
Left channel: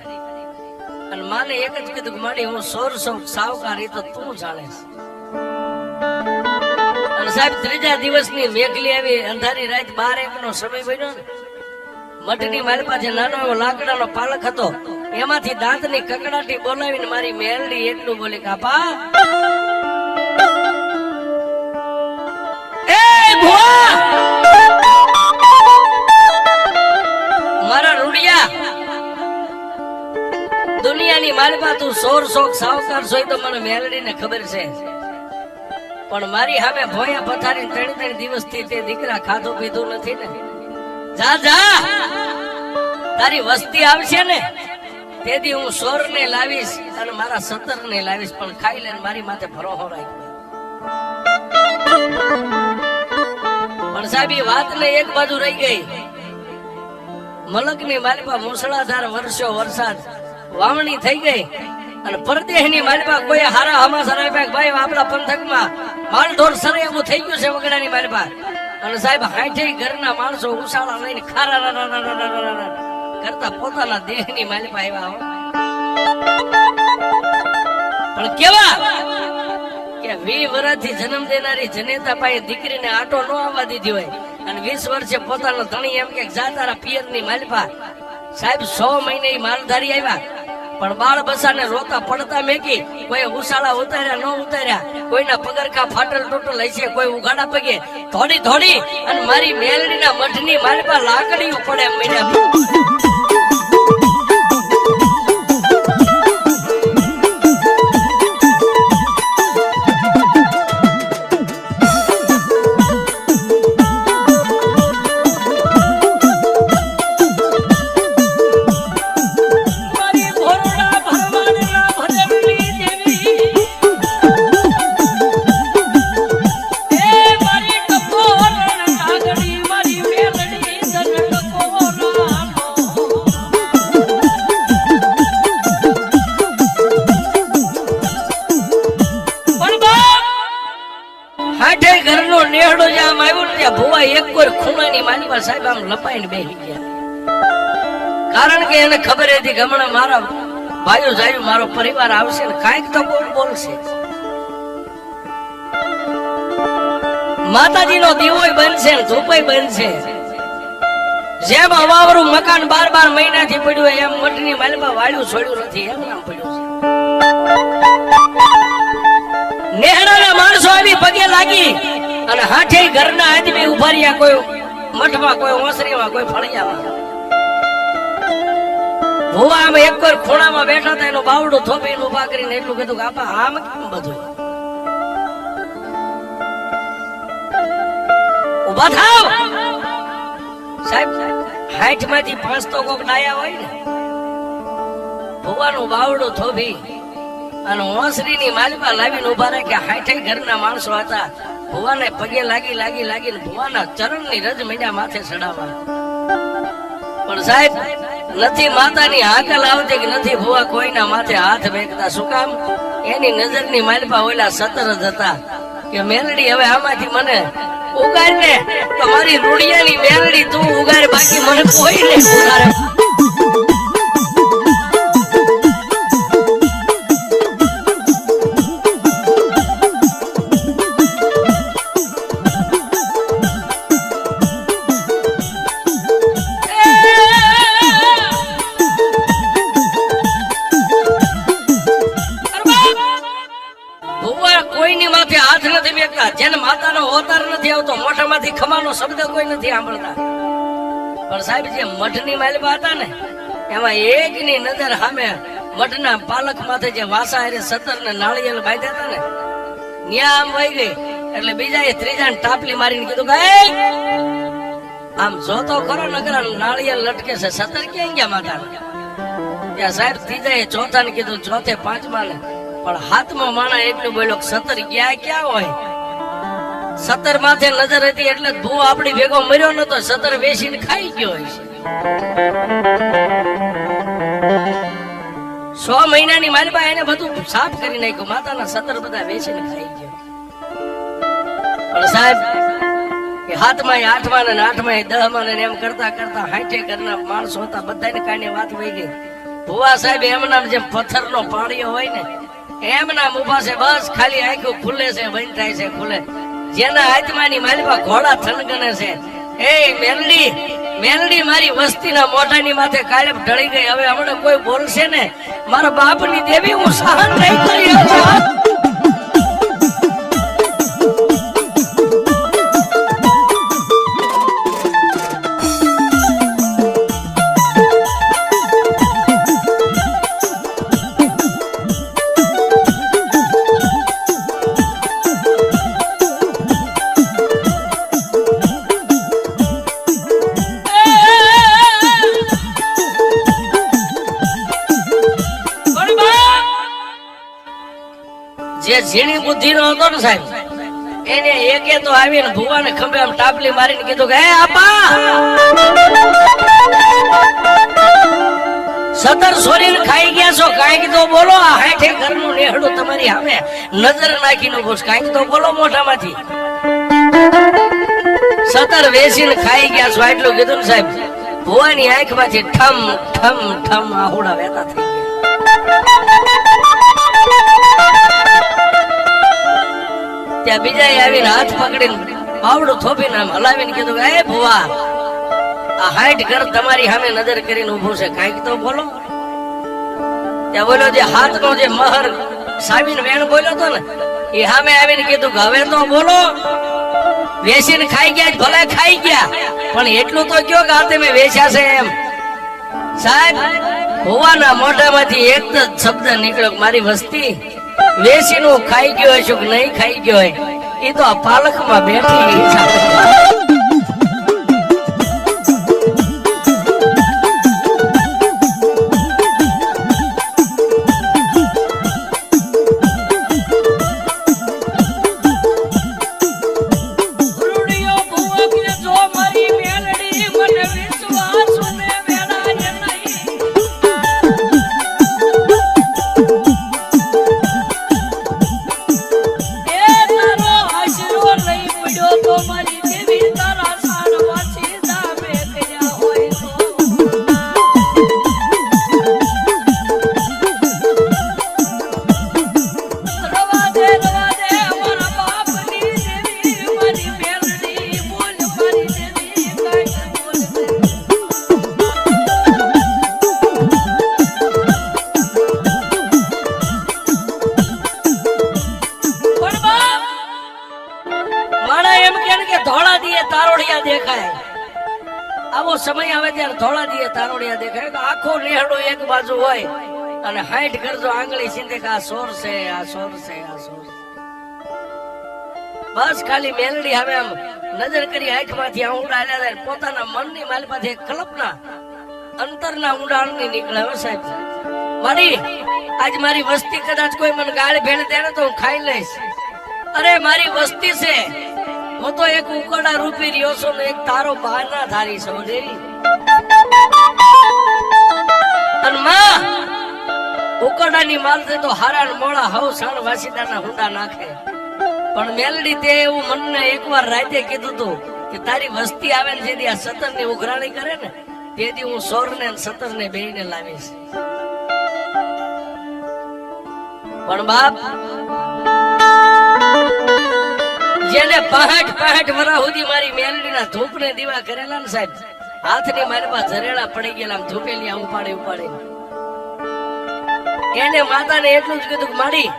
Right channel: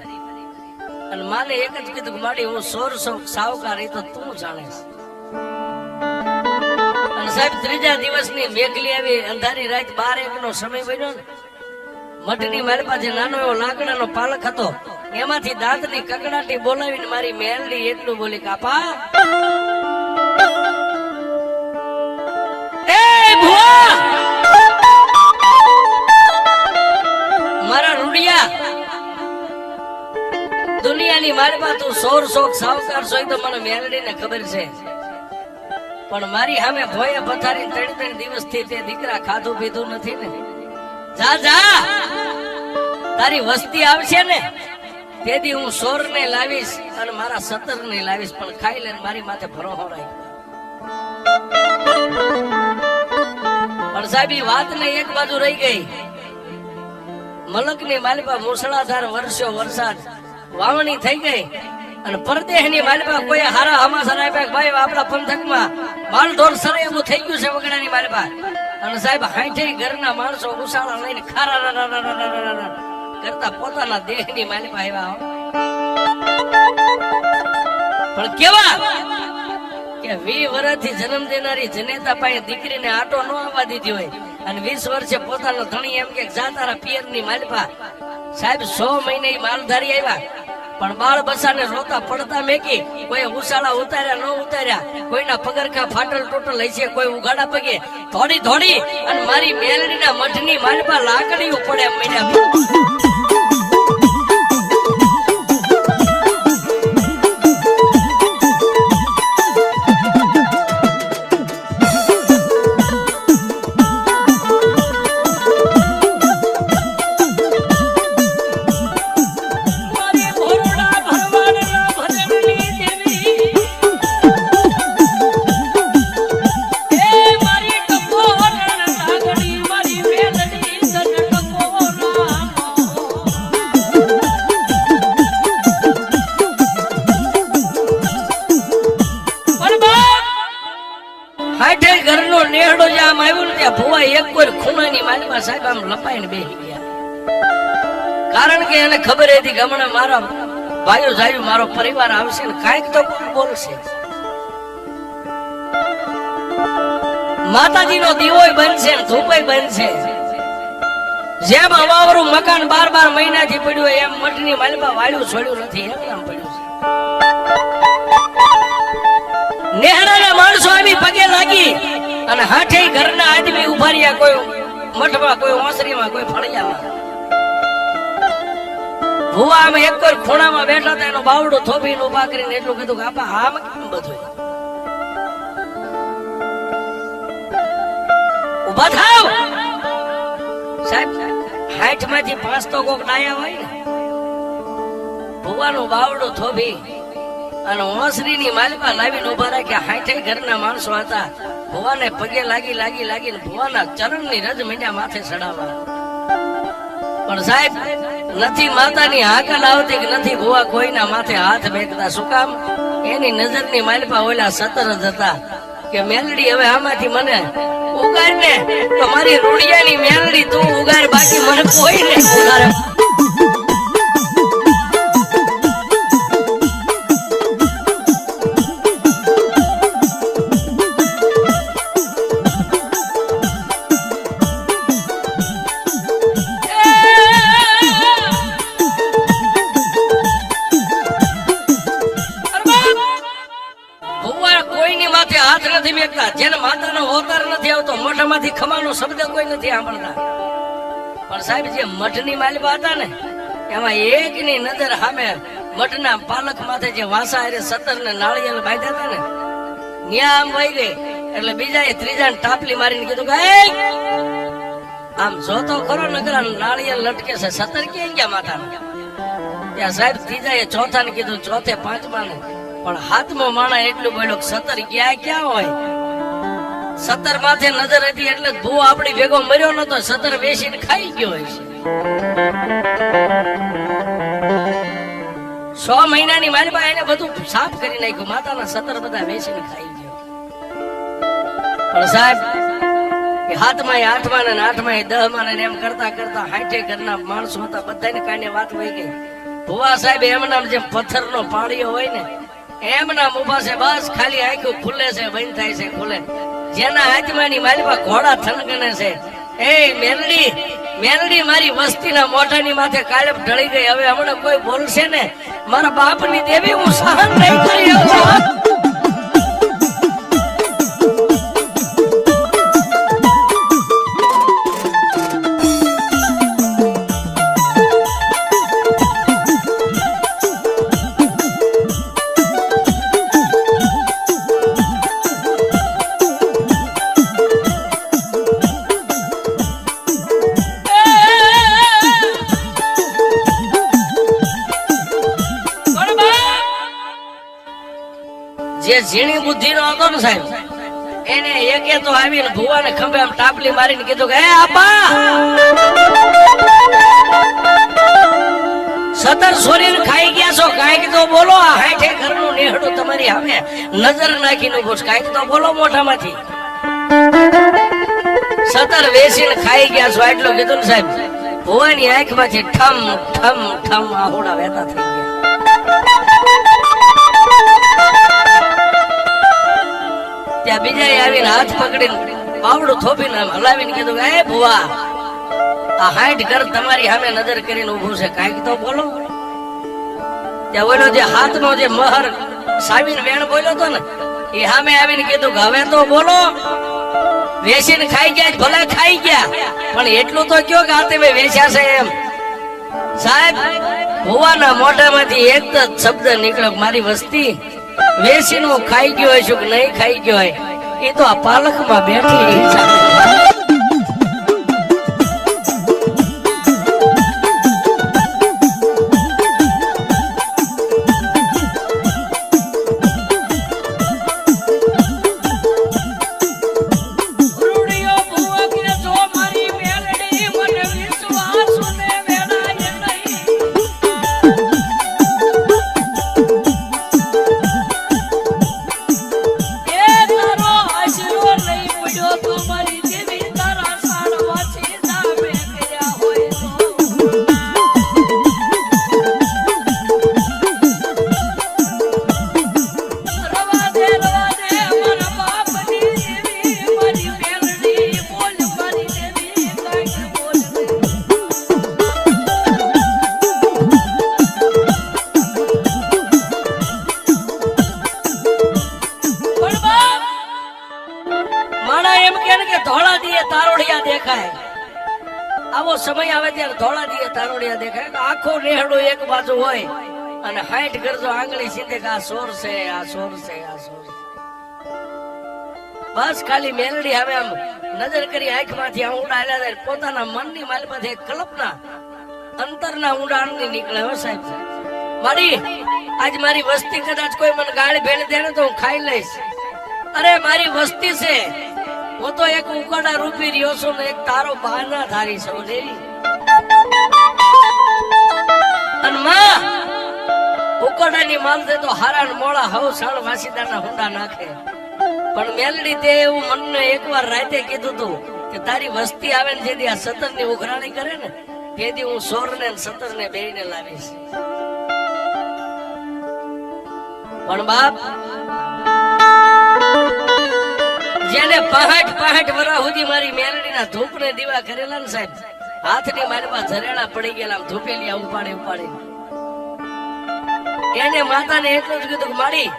અને માને એક જ કીધું કે મારી હું 100 સાવકાર એ તો તું જાણે. અને સાહેબ 3જા દિવસની મેઘલી આવી અંધારી રાત 12-1 નો સમય બન્યો ને મઠની મારી પાસે નાનો એવો લાકડાનો પાલક હતો એમાંથી દાંતની કકડાટી બોલાવીને મારી મેલડી એટલું બોલી કાપા એ ભુવા મારા રૂડિયા દુનિયાની મારી પાસે તું 100 સાવકાર સોય તો મને મેલડીને ખબર છે પણ મારી સામે ભોયા પથારી 3 દિવસથી તે દીકરા ખાધું પીધું નથી ને. જા જા તારી વસ્તી આવશે ને તેથી હું 100 ને લાવીશ અને મારા 17 ને લાવીશ પણ ખાઈ લે મારી માથે ભરોસો રાખ. પણ સાહેબ એ વાત ને એક બાજુ રહી ગઈ. મલકની માલિપા મુસળાધાર વર્ષો વરસાદ વાવણી થઈ ગઈ અને પરદેશની માલિપા કોઈ હારા હમાસર આપ્યા ભાઈ આપણા પંથકમાં માલઢોર સરે એવું થઈ ગયું છે વગડાની માલિપા. અને સાહેબ 60 ઘરના માણસો ઉસાળા લઈને ખારા કરતા પોતાના દેહની માલિપા આવ્યા. પણ કેવા કે 20 વર્ષથી જન્મ દેનારી જનેતા પાસે દીકરીને આટો ન આવવા દીધી હોય અને 20 વર્ષે પોતાનો ધણી એમ કે જા તારા પિયરની માલિપા. સાહેબ 100 મહિને માલધારી આવ્યા પણ બાળ બસાને રોતા પડતા મેકી કોઈ ઉસાળા ઉતાર્યા ન ઉતાર્યા કોઈના પગરખા ફાટલ તૂટલ હશે કોઈ ઉગાડા પગે ધોડી અને મારી મેલડીના મઠની માલિપા લાકડીઓ પડે મહિના. કારણ કે એને ખબર હતી કે હમણાં મારા ભાઈઓ જાય મારો પરિવાર આવશે ને કાંઈક તો બોલશે. માતાજીનો દીવોય બનશે ને ધૂપોય બનશે. જેમ અમારું મકાન 12 મહિનાથી પડ્યું એમ મઠની માલમાં વાળ્યું છોડ્યું નથી એમ નામ પડ્યું છે. નેહડાના માણસો આવી પગે લાગી અને 60 ઘરના આદમી ઉભા રહ્યા કોઈ મઠમાં કોઈ ઓસરીમાં કોઈ ફળિયામાં. ભુવા આમ એક ખૂણામાં બેઠા હતા એનો બાવડો થોભીને ઉભા કરીને એટલું કીધું કે આપા આમ કેમ બધું ઉભા થાવ. સાહેબ 60 માંથી 5 તો કોક ડાયા હોય ને. ભુવાનો બાવડો થોભી અને ઓસરીની માલિપા લાવીને ઉભા રાખ્યા. 60 ઘરના માણસો હતા. ભુવાને પગે લાગીને ભુવાના ચરણની રજ મીંડા માથે ચડાવવા. પણ સાહેબ નથી માતાની હાકલ આવતી કે નથી ભુવા કોઈના માથે હાથ મેકતા. શું કામ? એની નજરની માલિપા ઓલા 17 જ હતા કે મેલડી હવે આમાંથી મને ઉગાડ ને તો મારી રૂડિયાની મેલડી તું ઉગાડ બાકી મને કોઈ નહીં ઉગાડે. જેને માતાનો અવતાર નથી આવતો મોઢામાંથી ખમાનો શબ્દ કોઈ નથી સાંભળતા. પણ સાહેબ જે મઠની માલિપા હતા ને એમાં એકની નજર સામે મઠના પાલક માથે જે વાસા હારે 17 ને નાળિયેર બાંધ્યા હતા ને ન્યા આમ વહી ગઈ એટલે બીજાએ ત્રીજાને ટાપલી મારીને કીધું કે આમ જોતો ખરો નકરા નાળિયેર લટકે છે 17 ક્યાં ગયા માતાના. ત્યાં સાહેબ ત્રીજાએ ચોથાને કીધું ચોથે 5મા ને પણ હાથમાં માણા એટલું બોલ્યો 17 ક્યાં હોય. 17 માથે નજર હતી એટલે ભૂ આપણી ભેગો મર્યો નતો. 17 બેસીને ખાઈ ગયો હોય છે. 100 મહિનાની માલપા એને બધું સાફ કરી નાખ્યું, માતાના સતર બધા વેચીને ખાઈ ગયો. પણ સાહેબ કે 7માં 8માં ને 8માં 10માં ને એમ કરતા કરતા 60 ઘરના માણસો હતા, બધાને કાંઈ વાત વહી ગઈ. ભુવા સાહેબ એમના જેમ પથ્થરનો પાણીઓ હોય ને એમના ઉભા છે, બસ ખાલી આંખો ખુલે છે, બંધ થાય છે, ખુલે. જેના હાથમાંની માલપા ઘોડા થનગને છે, એ મેલડી મેલડી મારી વસ્તીના મોઢાની માથે કાળે ઢળી ગઈ. હવે હમણાં કોઈ બોલશે ને મારા બાપની દેવી હું સહન નહીં કરી શકું. જે ઝીણી બુદ્ધિ નો હતો ને સાહેબ, એને એકે તો આવીને ભુવાને ખંભે આમ ટાપલી મારીને કીધું કે હે આપા, સતર સોરીને ખાઈ ગયા છો, કાંઈક તો બોલો. આ 60 ઘરનું નેહડું તમારી સામે નજર નાખીને પૂછ, કાંઈક તો બોલો મોઢામાંથી. સતર વેચીને ખાઈ ગયા છો એટલું કીધું ને સાહેબ, ભુવાની આંખમાંથી ઠમ ઠમ ઠમ આહુડા વહેતા થઈ ગયા. ત્યાં બીજા આવીને હાથ પકડીને પાવડું થોપીને હલાવીને કીધું કે એ ભુવા, આ 60 ઘર તમારી સામે નજર કરીને ઉભું છે, કાંઈક તો બોલો. ત્યાં બોલો જે હાથનો જે મહર સાવીને વેણ બોલ્યો હતો ને, એ સામે આવીને કીધું કે હવે તો બોલો, વેચીને ખાઈ ગયા ભલે ખાઈ ગયા, પણ એટલું તો કયો કે આ તમે વેચ્યા છે એમ. સાહેબ ભુવાના મોઢામાંથી એક જ શબ્દ નીકળ્યો, મારી વસ્તી વેચીનું ખાઈ ગયો હોય શું નહીં ખાઈ ગયો હોય એ તો આ પાલકમાં બેઠી. આવો સમય આવે ત્યારે ધોળા દીએ તારોડિયા દેખાય તો આખો નેહડો એક બાજુ હોય અને 60 કરજો આંગળી સીધે કે આ સોર છે, આ સોર છે, આ સોર છે. બસ ખાલી મેલડી હવે આમ નજર કરી આંખમાંથી ઊંડા આલ્યા, પોતાના મનની માલમાંથી કલ્પના અંતરના ઊંડાણની નીકળે. હો સાહેબ મારી આજ મારી વસ્તી કદાચ કોઈ મને ગાળી ફેરી દે ને તો હું ખાઈ લઈશ. અરે મારી વસ્તી છે, હું તો એક ઉકડા રૂપી રહ્યો છું ને એક તારો બહાના ધારી સમજે. ઉકડાની માલ છે તો હારા મોળા હવ સાળ વાસીદાના હુંડા નાખે. પણ મેલડી તે એવું મનને એકવાર રાતે કીધું તું કે તારી વસ્તી આવે ને જેથી આ સતર ની ઉઘરાણી કરે ને તેથી હું સોર ને સતર ને બેને લાવીશ. પણ બાપ જેને 65 વર્ષ સુધી મારી મેલડીના ધૂપને દીવા કરેલા ને સાહેબ, હાથની મારી પાસે ઝરેડા પડી ગયેલા ધૂપેલી ઉપાડે ઉપાડે, એને માતાને એટલું જ કીધું મારી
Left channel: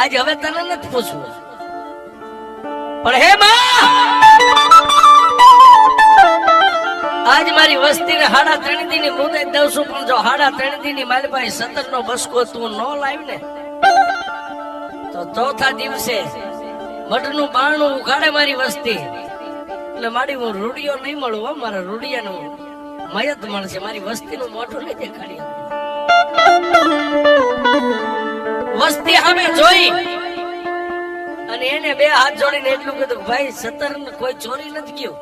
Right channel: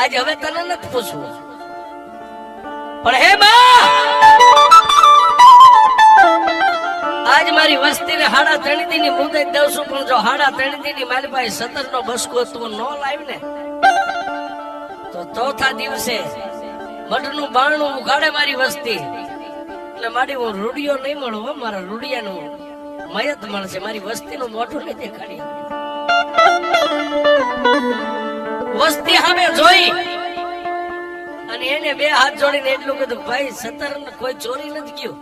આજે હવે તને નથી પૂછવું, પણ હે માં આજ મારી વસ્તીને 3.5 દી ની મુદત દઉં છું, પણ જો 3.5 દી ની મારી પાસે 17 નો બસકો તું ન લાવી ને તો ચોથા દિવસે મઢનું બારણું ઉઘાડે મારી વસ્તી એટલે મારી હું રૂડિયો નહીં મળું. હો મારા રૂડિયાનું મયત મળશે, મારી વસ્તીનું મોઢું નહીં દેખાડી. વસ્તી સામે જોઈ અને એને 2 હાથ જોડીને એટલું કીધું ભાઈ 17 કોઈ ચોરી નથી ગયું,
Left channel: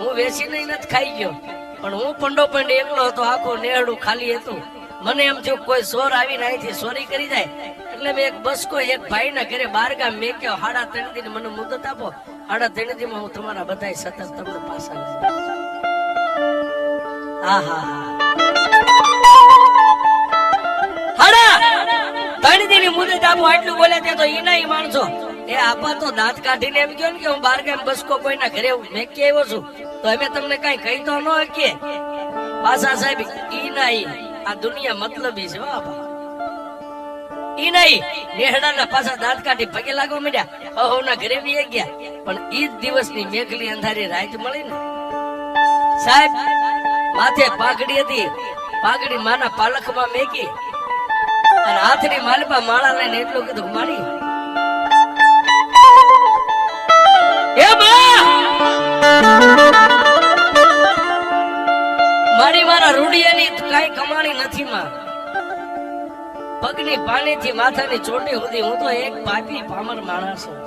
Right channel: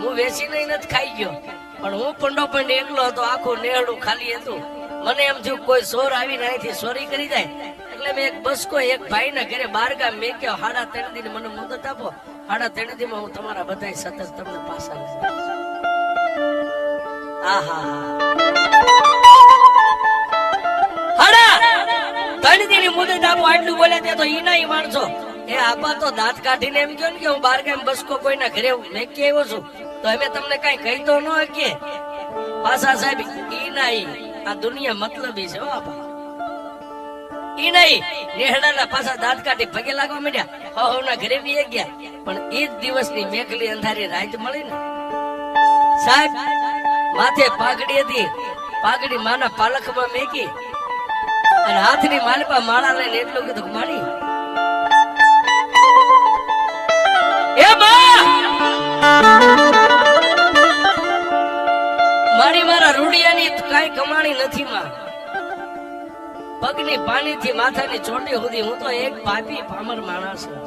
હું વેચી નહીં નથી ખાઈ ગયો, પણ હું પંડો પણ એકલો હતો, આખો નેહડું ખાલી હતું, મને એમ થયું કોઈ ચોર આવીને અહીંથી ચોરી કરી જાય એટલે મેં એક બસકો એક ભાઈ ના ઘરે બાર ગામ મેં કહ્યું 3.5 દી મને મુદત આપો, 3.5 દી માં હું તમારા બધા સતત તમને પાછા લઈ જઈશ. આહા 3.5 દી ની મુદત આપો આટલું બોલે તે તો ઈ ના માણસો એ આપા તો દાંત કાઢીને એમ કહ્યું ને કે હું બાર ગામ બસકો કોઈના ઘરે મેં કે આવ્યો છું તો અમે તમને કઈ કહી તો ન કે પાછા સાહેબ ઈ ના આ દુનિયા મતલબી છે બાપા. ઈ નહીં નેહડાના પાછા દાંત કાઢી પગે લાગવા માંડ્યા હવના ઘરે બી ગયા પણ ઈ જ દિવસની મેઘલી અંધારી રાત મળી ને સાહેબ માથે પાઘડી હતી, પાઘડી માના પાલખમાં મેકી અને હાથની માલપા માળા લઈને એટલું કીધું મારી મારી મારા રૂડિયાની કઈ કમાણી નથી માં. પગની પાણીથી માથાની ચોટી સુધી હું તો એક પાપી પામર માણસ છું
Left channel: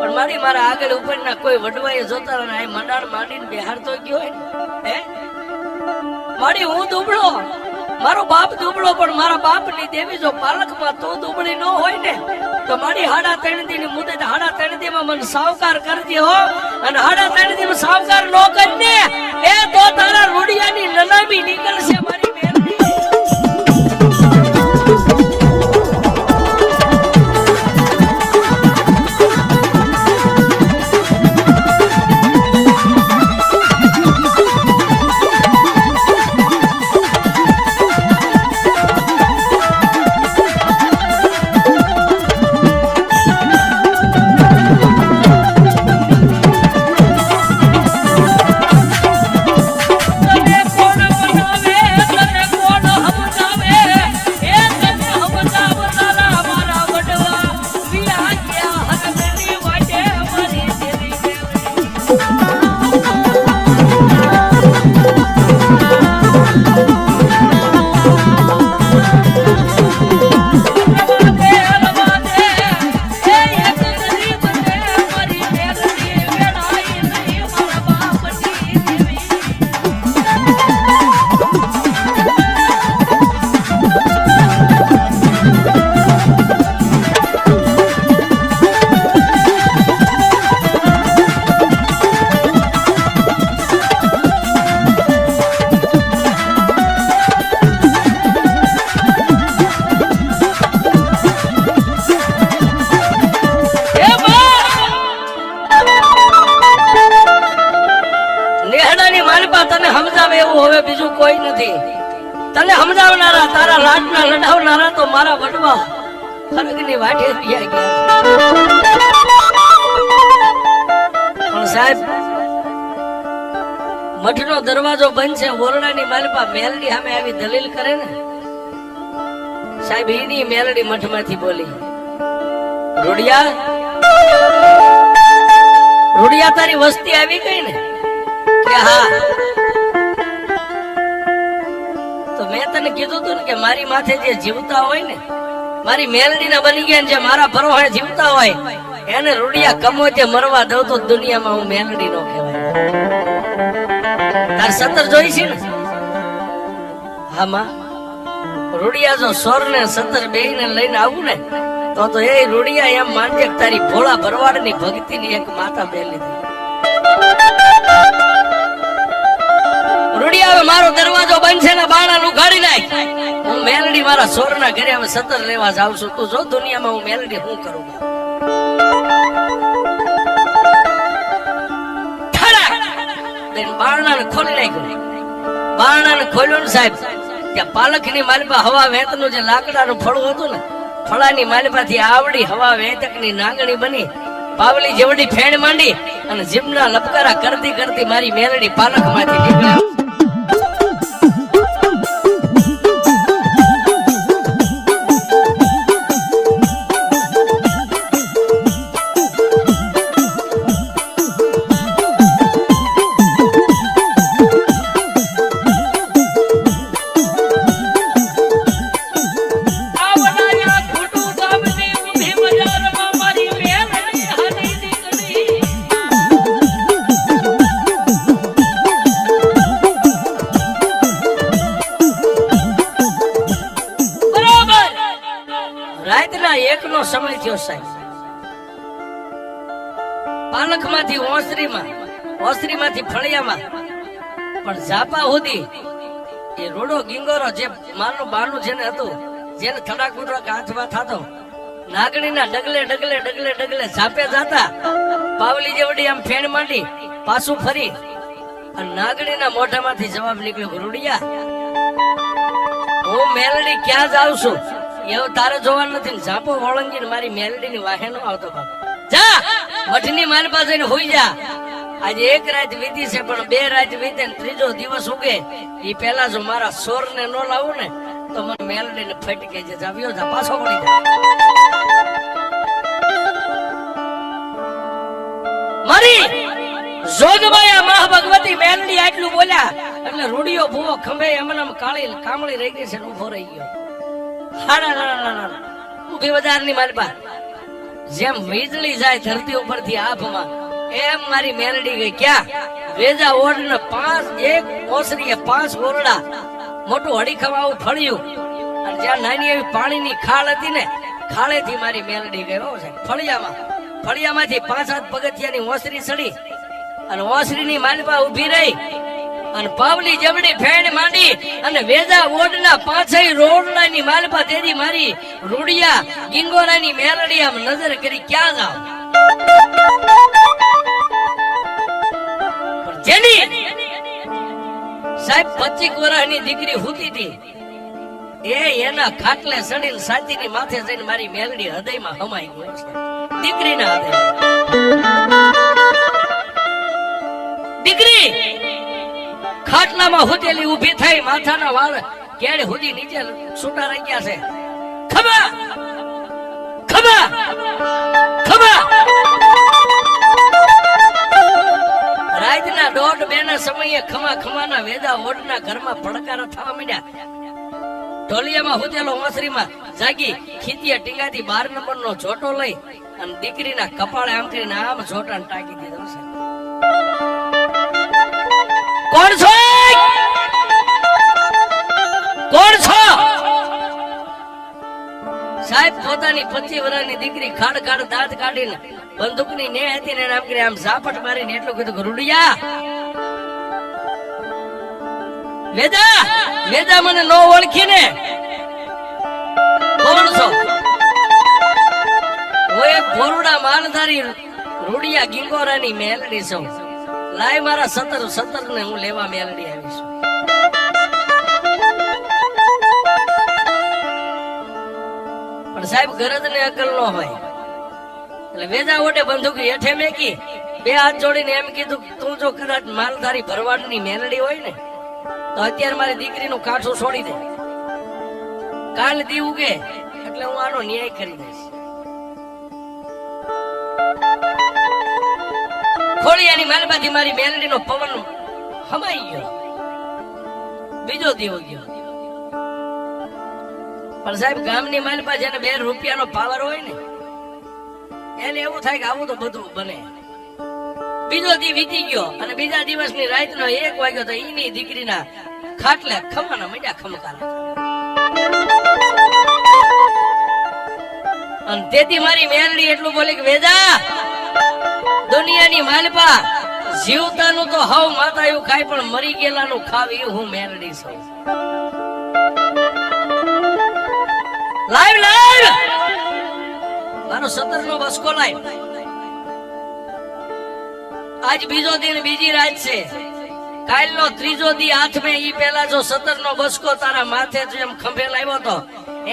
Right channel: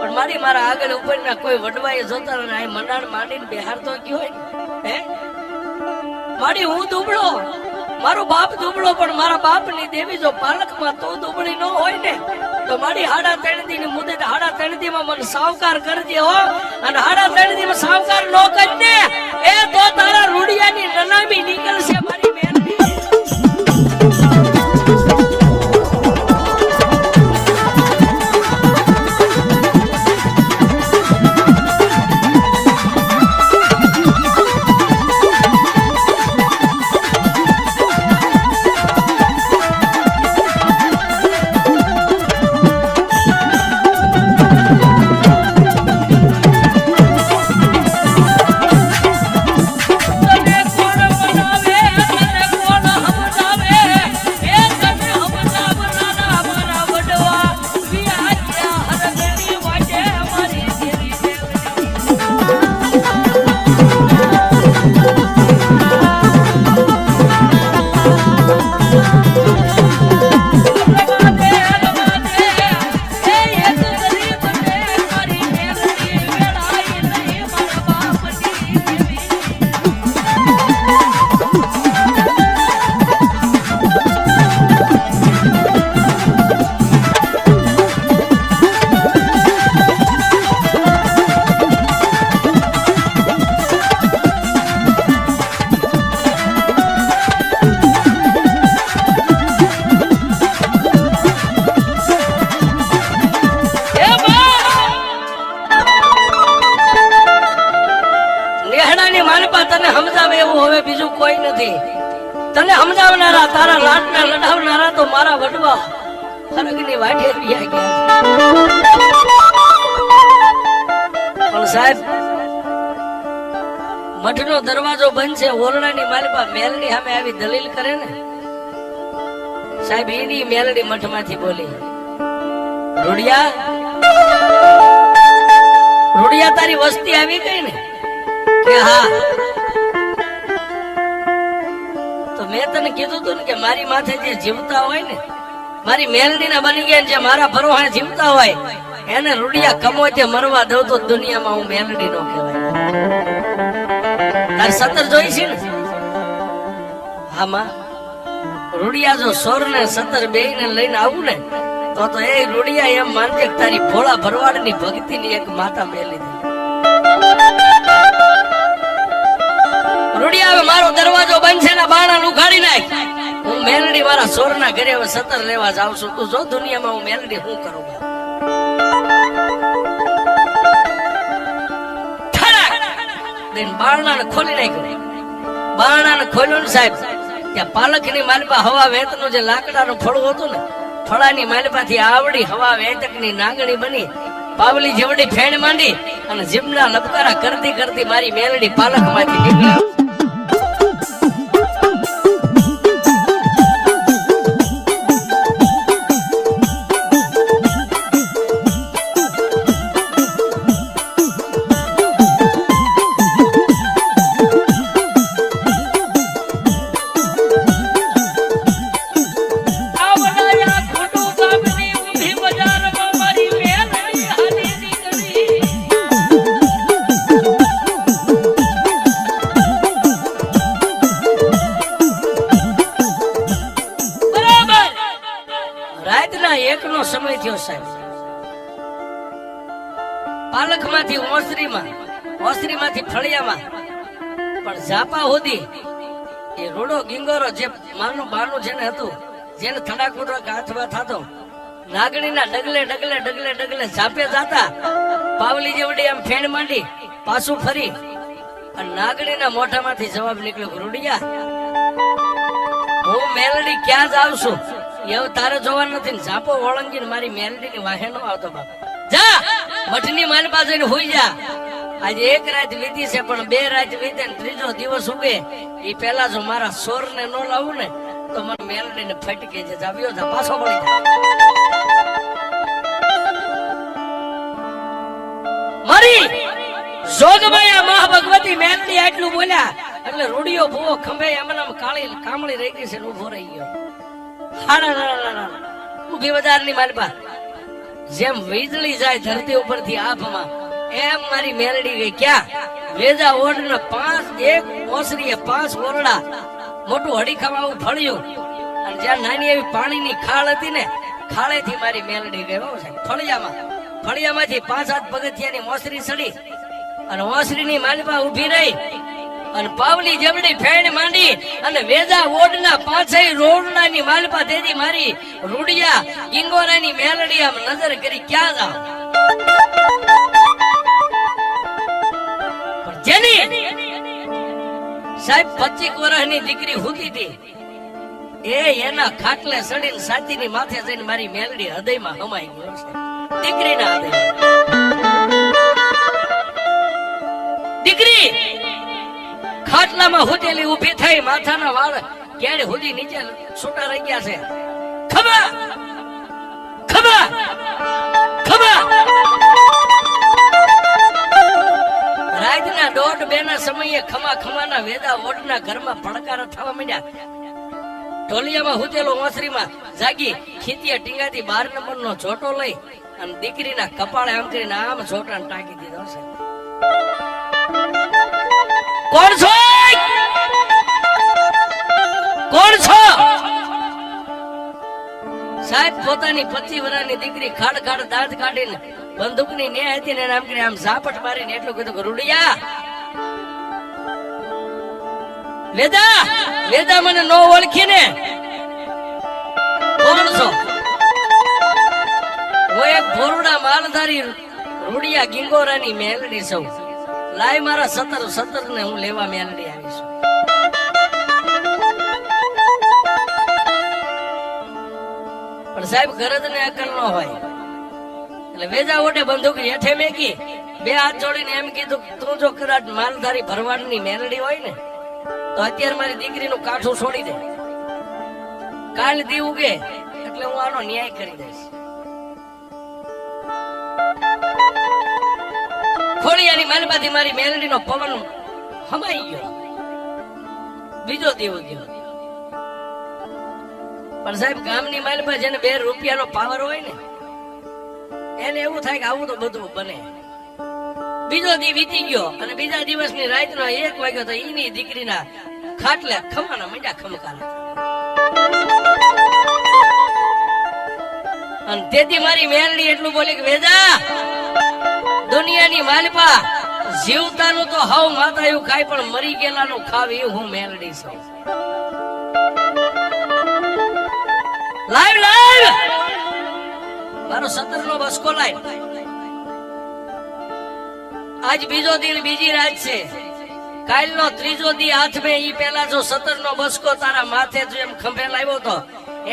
પણ મારી મારા આગળ ઉપરના કોઈ વડવાએ જોતા હોય ને મંડાણ માંડીને બિહાર તો ગયો હોય ને મારી હું દુબળો, મારો બાપ દુબળો પણ મારા બાપ ની દેવી જો પાલખમાં તો દુબળી ન હોય ને તો મારી 3.5 દી ની મુદત 3.5 દી માં મને સાવકાર કરજે હો અને 3.5 દી માં સાવકાર ન કરજે એ તો તારા રૂડિયાની નનામી નીકળશે મારી બેન. તને સમજાવે એવું હવે બીજું કોઈ નથી. તને સમજાવનારા તારા રાતના લડાવનારા તો મારા વડવા ખરગની વાટે રહ્યા ગયા. પણ સાહેબ મઠનો દરવાજો બંધ છે, ઓરડાની માલપા મેલડી સામે આવી દલીલ કરે ને સાહેબ એની મેલડી મઠમાંથી બોલી રોડિયા રોડિયા તારી વસ્તી આવી ગઈ ને કે હા તો મેં તને કીધું તું ને કે મારી માથે જે જીવતા હોય ને મારી મેલડી ના બની ગયા જે મારા પરવાહે જીવતા હોય એને રૂડિયા કમો તે મરવા દઉં તો દુનિયામાં હું મેલડી નો કહેવાય. તાર સતર જોઈ છે ને? હા માં રૂડિયા જો સોર ને સતર બે ને લઈને આવું ને તો એ રૂડિયા એમ માનજે તારી ભોળા ભરવાડ ની ભક્તિ ની એક માતા મેલી. રૂડિયા મારો દરવાજો બંધ છે ને બાણા નું ઉઘાડી નાખ. હું મેલડી મારા સોર ના ઘરે હવે સતર લેવા જાઉં છું. તું જો દુનિયામાં હું મેલડી શું કરું. બારણા ખોલી નાખ્યું. બારણા ખોલ્યું ને સાહેબ ત્યાં પાલખ ની માલપા હવા વેત નું જે લાકડાનું ફળું હતું ને ફળાની માલપાથી આવડી હવા વેતક ની નાંગણી બની પાવલી જેવડી ફેણ માંડી અને જીમના લપકારા કરતી કરતી મારી મેલડી પાલખ માંથી નીકળી. ત્યાં એકનો સમય થયો સાહેબ. પાલખમાંથી ઓસરીમાંથી ફળિયામાં પણ ઝાપા સુધી એ રોડો ગીંગોરો જે મારનું બારનું જેને હતું, જેને થડાકુડો હાથમાં થતો, નાગણીના ડગલે ઝાપે જાતા, પાવલી જેવડી આમ ફેણ માંડી પાછું ફરી અને નાગણીના મોઢામાંથી જવાબ નીકળ્યો, રૂડિયા હું મેલડી ક્યાં જાઉં છું એવું તારે જોવાનું નથી. ઝાપો ઓળંગીને મારી મેલડીની વાહે નો આવતો બાબા. જા મઠની મારી પાસે હોઈ જા. આજે એક રાત વીતી છે પણ બે રાત વીતે ત્રીજો દિવસ ઉગે એ પેલા જો મારા સોર ને ન લાવું ને તો મને મેલડી ને ફટકે જે જાવ્યો જા પાછો પડી જાય. મારી જોગમાયા મહાભગવતી મેલડી આટલું બોલ્યા એટલે રૂડિયો ભૂવો ખંભે એમને કાળી કામળી રહી ગઈ છે ને ઉભો રહી ગયો. ઉભી બજારની માલપા જેમ વીજળી જાય ધરતી ઉપરથી આભમાં એમ મારી મેલડી ગઈ. ક્યાં વેજા ઓઢ ને 5 એક ઓસરીએ 5 ઓરડા મોટું હડીખવાવું ફળ્યું અને જ્યાં નાની એવી પાણીની ખાળ હતી ને ખાળેથી મારી મેલડી ગયો છે. ફળિયામાંથી 5 હાથ પગથિયાની ઓસરી ચડી અને ઓસરીની માલપા ઉભી રહી અને પાવલી જમણી ફેણ માંડી અને વેજા ઓડના 5 રોડનાની માલપા તેજી મારી રૂડિયા ગિંગોરાની મેલડી આમ નજર કરી ક્યાં જાવ. જેની સાહેબ 25 વર્ષની દીકરી હુતી હતી એ એના ખાટલે સડીને સાચીની માથે જઈને મારી મેલડી હૃદયમાં હમાઈ ગયો છે. દીકરીના હૃદય દીકરી ખાટલામાં હુતેલી ઊભી થઈ માથાના વાળ કેડ હુદી નીચે છૂટા રહી ગયા છે. ખબર રાતના 1:30 ના સમયે ખમાના વેદા ઓડના ઘરમાં પડકારા થવા માંડ્યા. ઢોલિયામાં હુતેલો ઓસરીમાં જાગી ખીતિયા ટીંગાથી 12 નંબરનો જોટો લઈ અને દીકરીના કપાળે આમ કરીને આમ જોટાને ટાંકી દીધો છે. કોણ છો સાહેબ? પોતાની 25 વર્ષની દીકરી ખાડ દાંત કાઢીને બંદૂકની ને હતી ને આમ કરી આમ ઝાપટ મારીને એટલું કીધું, રૂડિયા વેદા મને ન ઓળખી ને કોણ છો? હું એક ભોરુડા માલધારી રૂડિયા ગિંગોરાની મેલડી છું. લાય મારા 17 ને હું લેવા મેલડી આવીશ. પણ સાહેબ ગરજ ને અકલ નો હોય એટલે વેજા ઓટે બંદૂક હેઠે મેકી 2 હાથ જોડીને એમ કીધું, તું જો કદાચ માલધારી ભરવાડની મેલડી હોય ને તો અત્યારે મારી દીકરીનું કાઠું છોડી દે. કાલ દી ઉગે એટલે હું આનો ન્યાય કરી દઈશ. ખોડિયાની માલપાથી મારી મેલડીનો પવન હમાઈ ગયો. બીજો દિવસ ગયો પણ સાહેબ ગામની માલપા જેને 2 રૂપિયાનો પાવર હોય ને એને એવું થાય કે આવું તો બધું બને. બીજો દી વીતી ગયો અને બીજા દિવસની રાતના 1 વાગ્યો તો એની દીકરીના ખાટલે ખમાના મીંડા ખમકારા અને તેથી મારી મેલડી એટલું બોલે કે વેદા દુનિયાની માલપા જીવતાનું તો હવ માતાયું ખાય પણ મરી ગયેલાનું ખાવ એ હું મેલડી છું. લાઈવ મારો 17 નો બસકો લાઈવ. આજ બીજો દિન બીજી રાત છે. કાલનો ત્રીજો દી હાથમાં ઈ પેલા જો 17 નો બસકો તારા માથે જેમ ખંભે લાવ્યો તો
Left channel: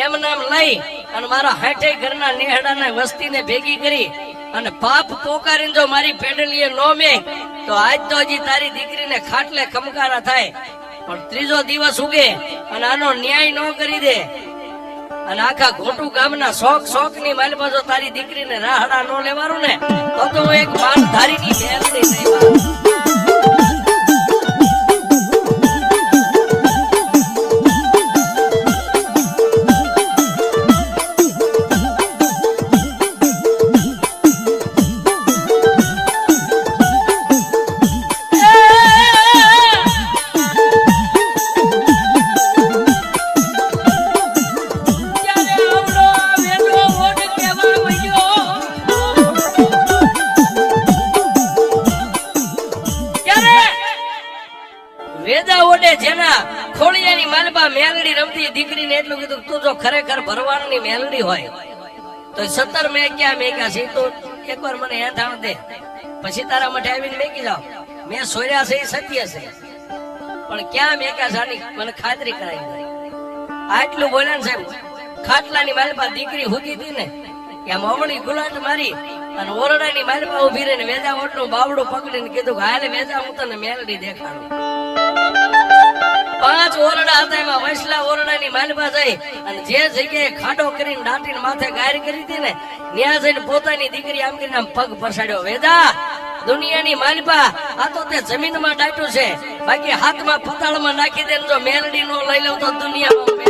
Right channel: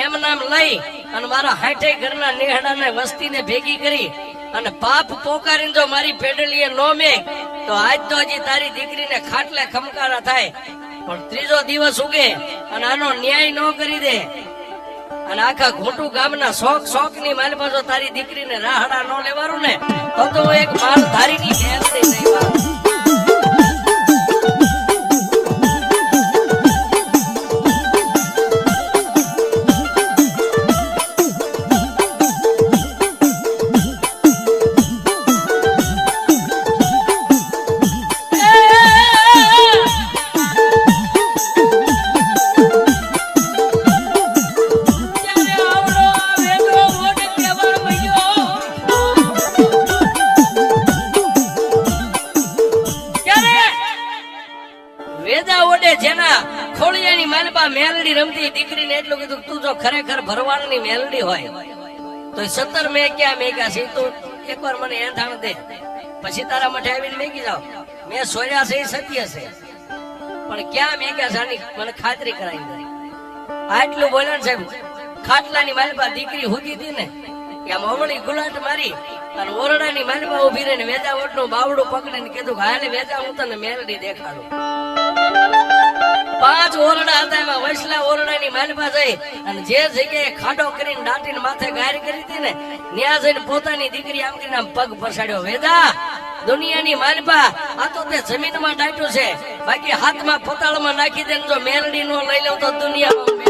એમ નામ લઈ અને મારા 60 ઘરના નેહડાને વસ્તીને ભેગી કરી અને પાપ પોકારીને જો મારી પેડલીએ નો મે તો આજ તો હજી તારી દીકરીને ખાટલે ખમકારા થાય પણ ત્રીજો દિવસ ઉગે અને આનો ન્યાય ન કરી દે અને આખા ઘોટું ગામના શોખ ની માલમાં જો તારી દીકરીને રાહડા નો લેવાનું ને તો એક માલ ધારીની મેલડી નહીં. દીકરીને એટલું કીધું તું જો ખરેખર ભરવાડની મેલડી હોય તો 17 મેં ક્યાં મેગ્યા છે તું એકવાર મને એંધાણ દે પછી તારા મઠે આવીને મેગી જાવ મેં સોર્યા છે એ સત્ય છે પણ ક્યાં મેગ્યા છે આની મને ખાતરી કરાવી દે આટલું બોલ્યા ને સાહેબ ખાટલાની મારી પાસે દીકરી હુતી હતી ને કે આમ અવળી ગુલાટ મારી અને ઓરડાની મારી પાસે ઉભી રહીને વેદા ઓટનો બાવડું પકડીને કીધું કે હાલે વેદા હું તને મેલડી દેખાડું 5 ઓરડા હતા એમાં વસલા ઓરડાની માલપા જઈ અને જે જગ્યાએ ખાડો કરીને દાટીને માથે ગાર કરી હતી ને ત્યાં જઈને પોતાની દીકરી આમ કરીને આમ પગ પસાડ્યો વેદા દુનિયાની માલપા આ તો તે જમીનમાં દાટ્યું છે બાકી હાથમાં પતાળમાં નાખી દે જો મેલડી નો લઈ લઉં તો દુનિયામાં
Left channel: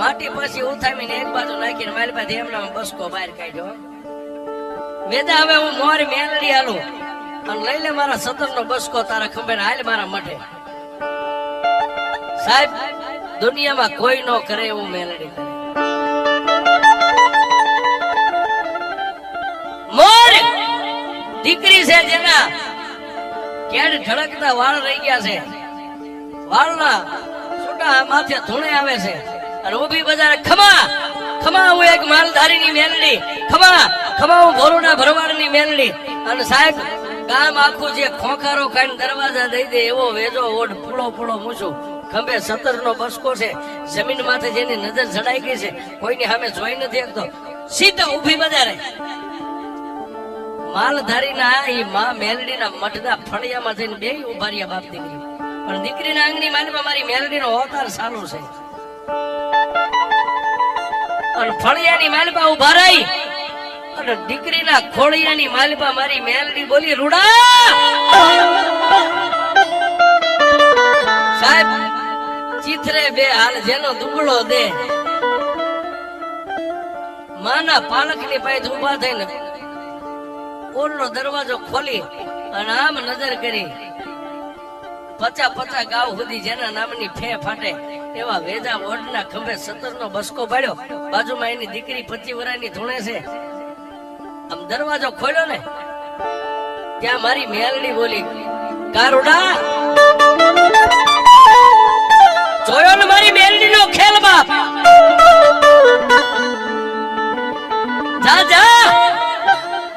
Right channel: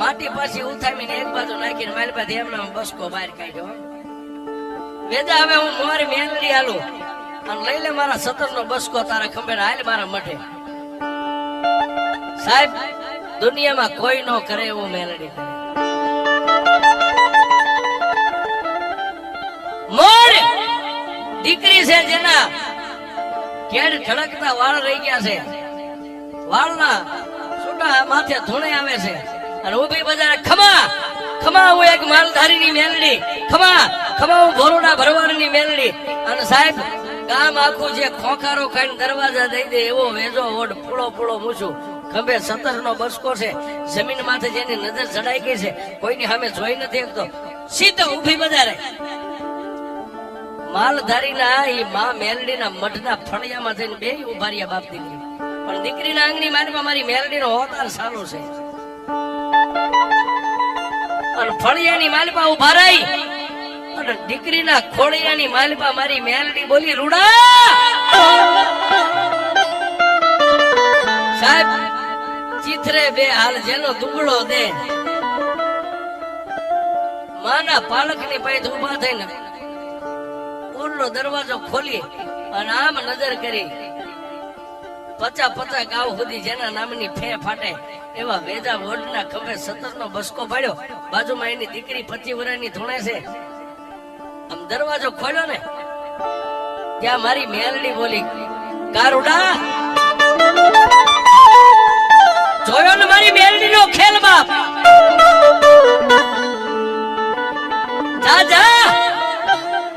માટી પાછી ઉથામીને એક બાજુ નાખીને મારી પાસે એમનો બસકો બહાર કાઢ્યો વેદા હવે હું મોરી મેલડી હાલું અને લઈ લે મારા 17 નો બસકો તારા ખંભે હાલ મારા મઠે સાહેબ દુનિયામાં કોઈ નો કરે એવું મેલડી કરે મોર દીકરી છે જેના કેડ ઠળકતા વાળ રહી ગયા છે વાળના છૂટા માથે ધૂણે આવે છે અને ઉભી બજાર ખમા ખમા હું એક માલધારીની મેલડી ખમા ખમા હું ભોરોડા ભરવાડની મેલડી અને સાહેબ ગામ આખું જે ખોખારો ખાઈને દરવાજા દઈ દે એવો વેજો ઓઢ પૂળો પૂળો મૂછું ખંભે 17 નો બસકો છે જમીન માથે જેની નજર જડાઈ ગઈ છે કોઈની સામે જોઈ નથી શકતો સીધા ઉભી બજારે માલધારીના એ માં મેલડીના મઢના ફળિયામાં જઈને બે ઉભા રહ્યા બાપ દીકરી પણ દીકરીના આંગણી માલમાં મારી મેલડીનો હોકાર સારું છે અને ફળિયાની માલપા ઉભા રહી અને દીકરીના ખોળિયાની માલપા મારી મેલડી બોલી રૂડા સાહેબ ચીથરે બે હાલ જેનો દુગડો દે માના પાલકની પાસે ઉભા થઈને ઓરનો દરવાજો ખોલી અને આમ નજર કરી 50 ગાવ સુધી જેના નામની ફે ફાટે એવા વેજા વડના ખંભે 17 નો બસકો પાડ્યો બાજુમાં એની દીકરી 25 વર્ષની ધૂણે છે આમ દરવાજો ખોલ્યો ને ત્યાં મારી મેલડી બોલી કારુડા જોયો ને મારી મેલડી નો ખેલ બાપ જા જા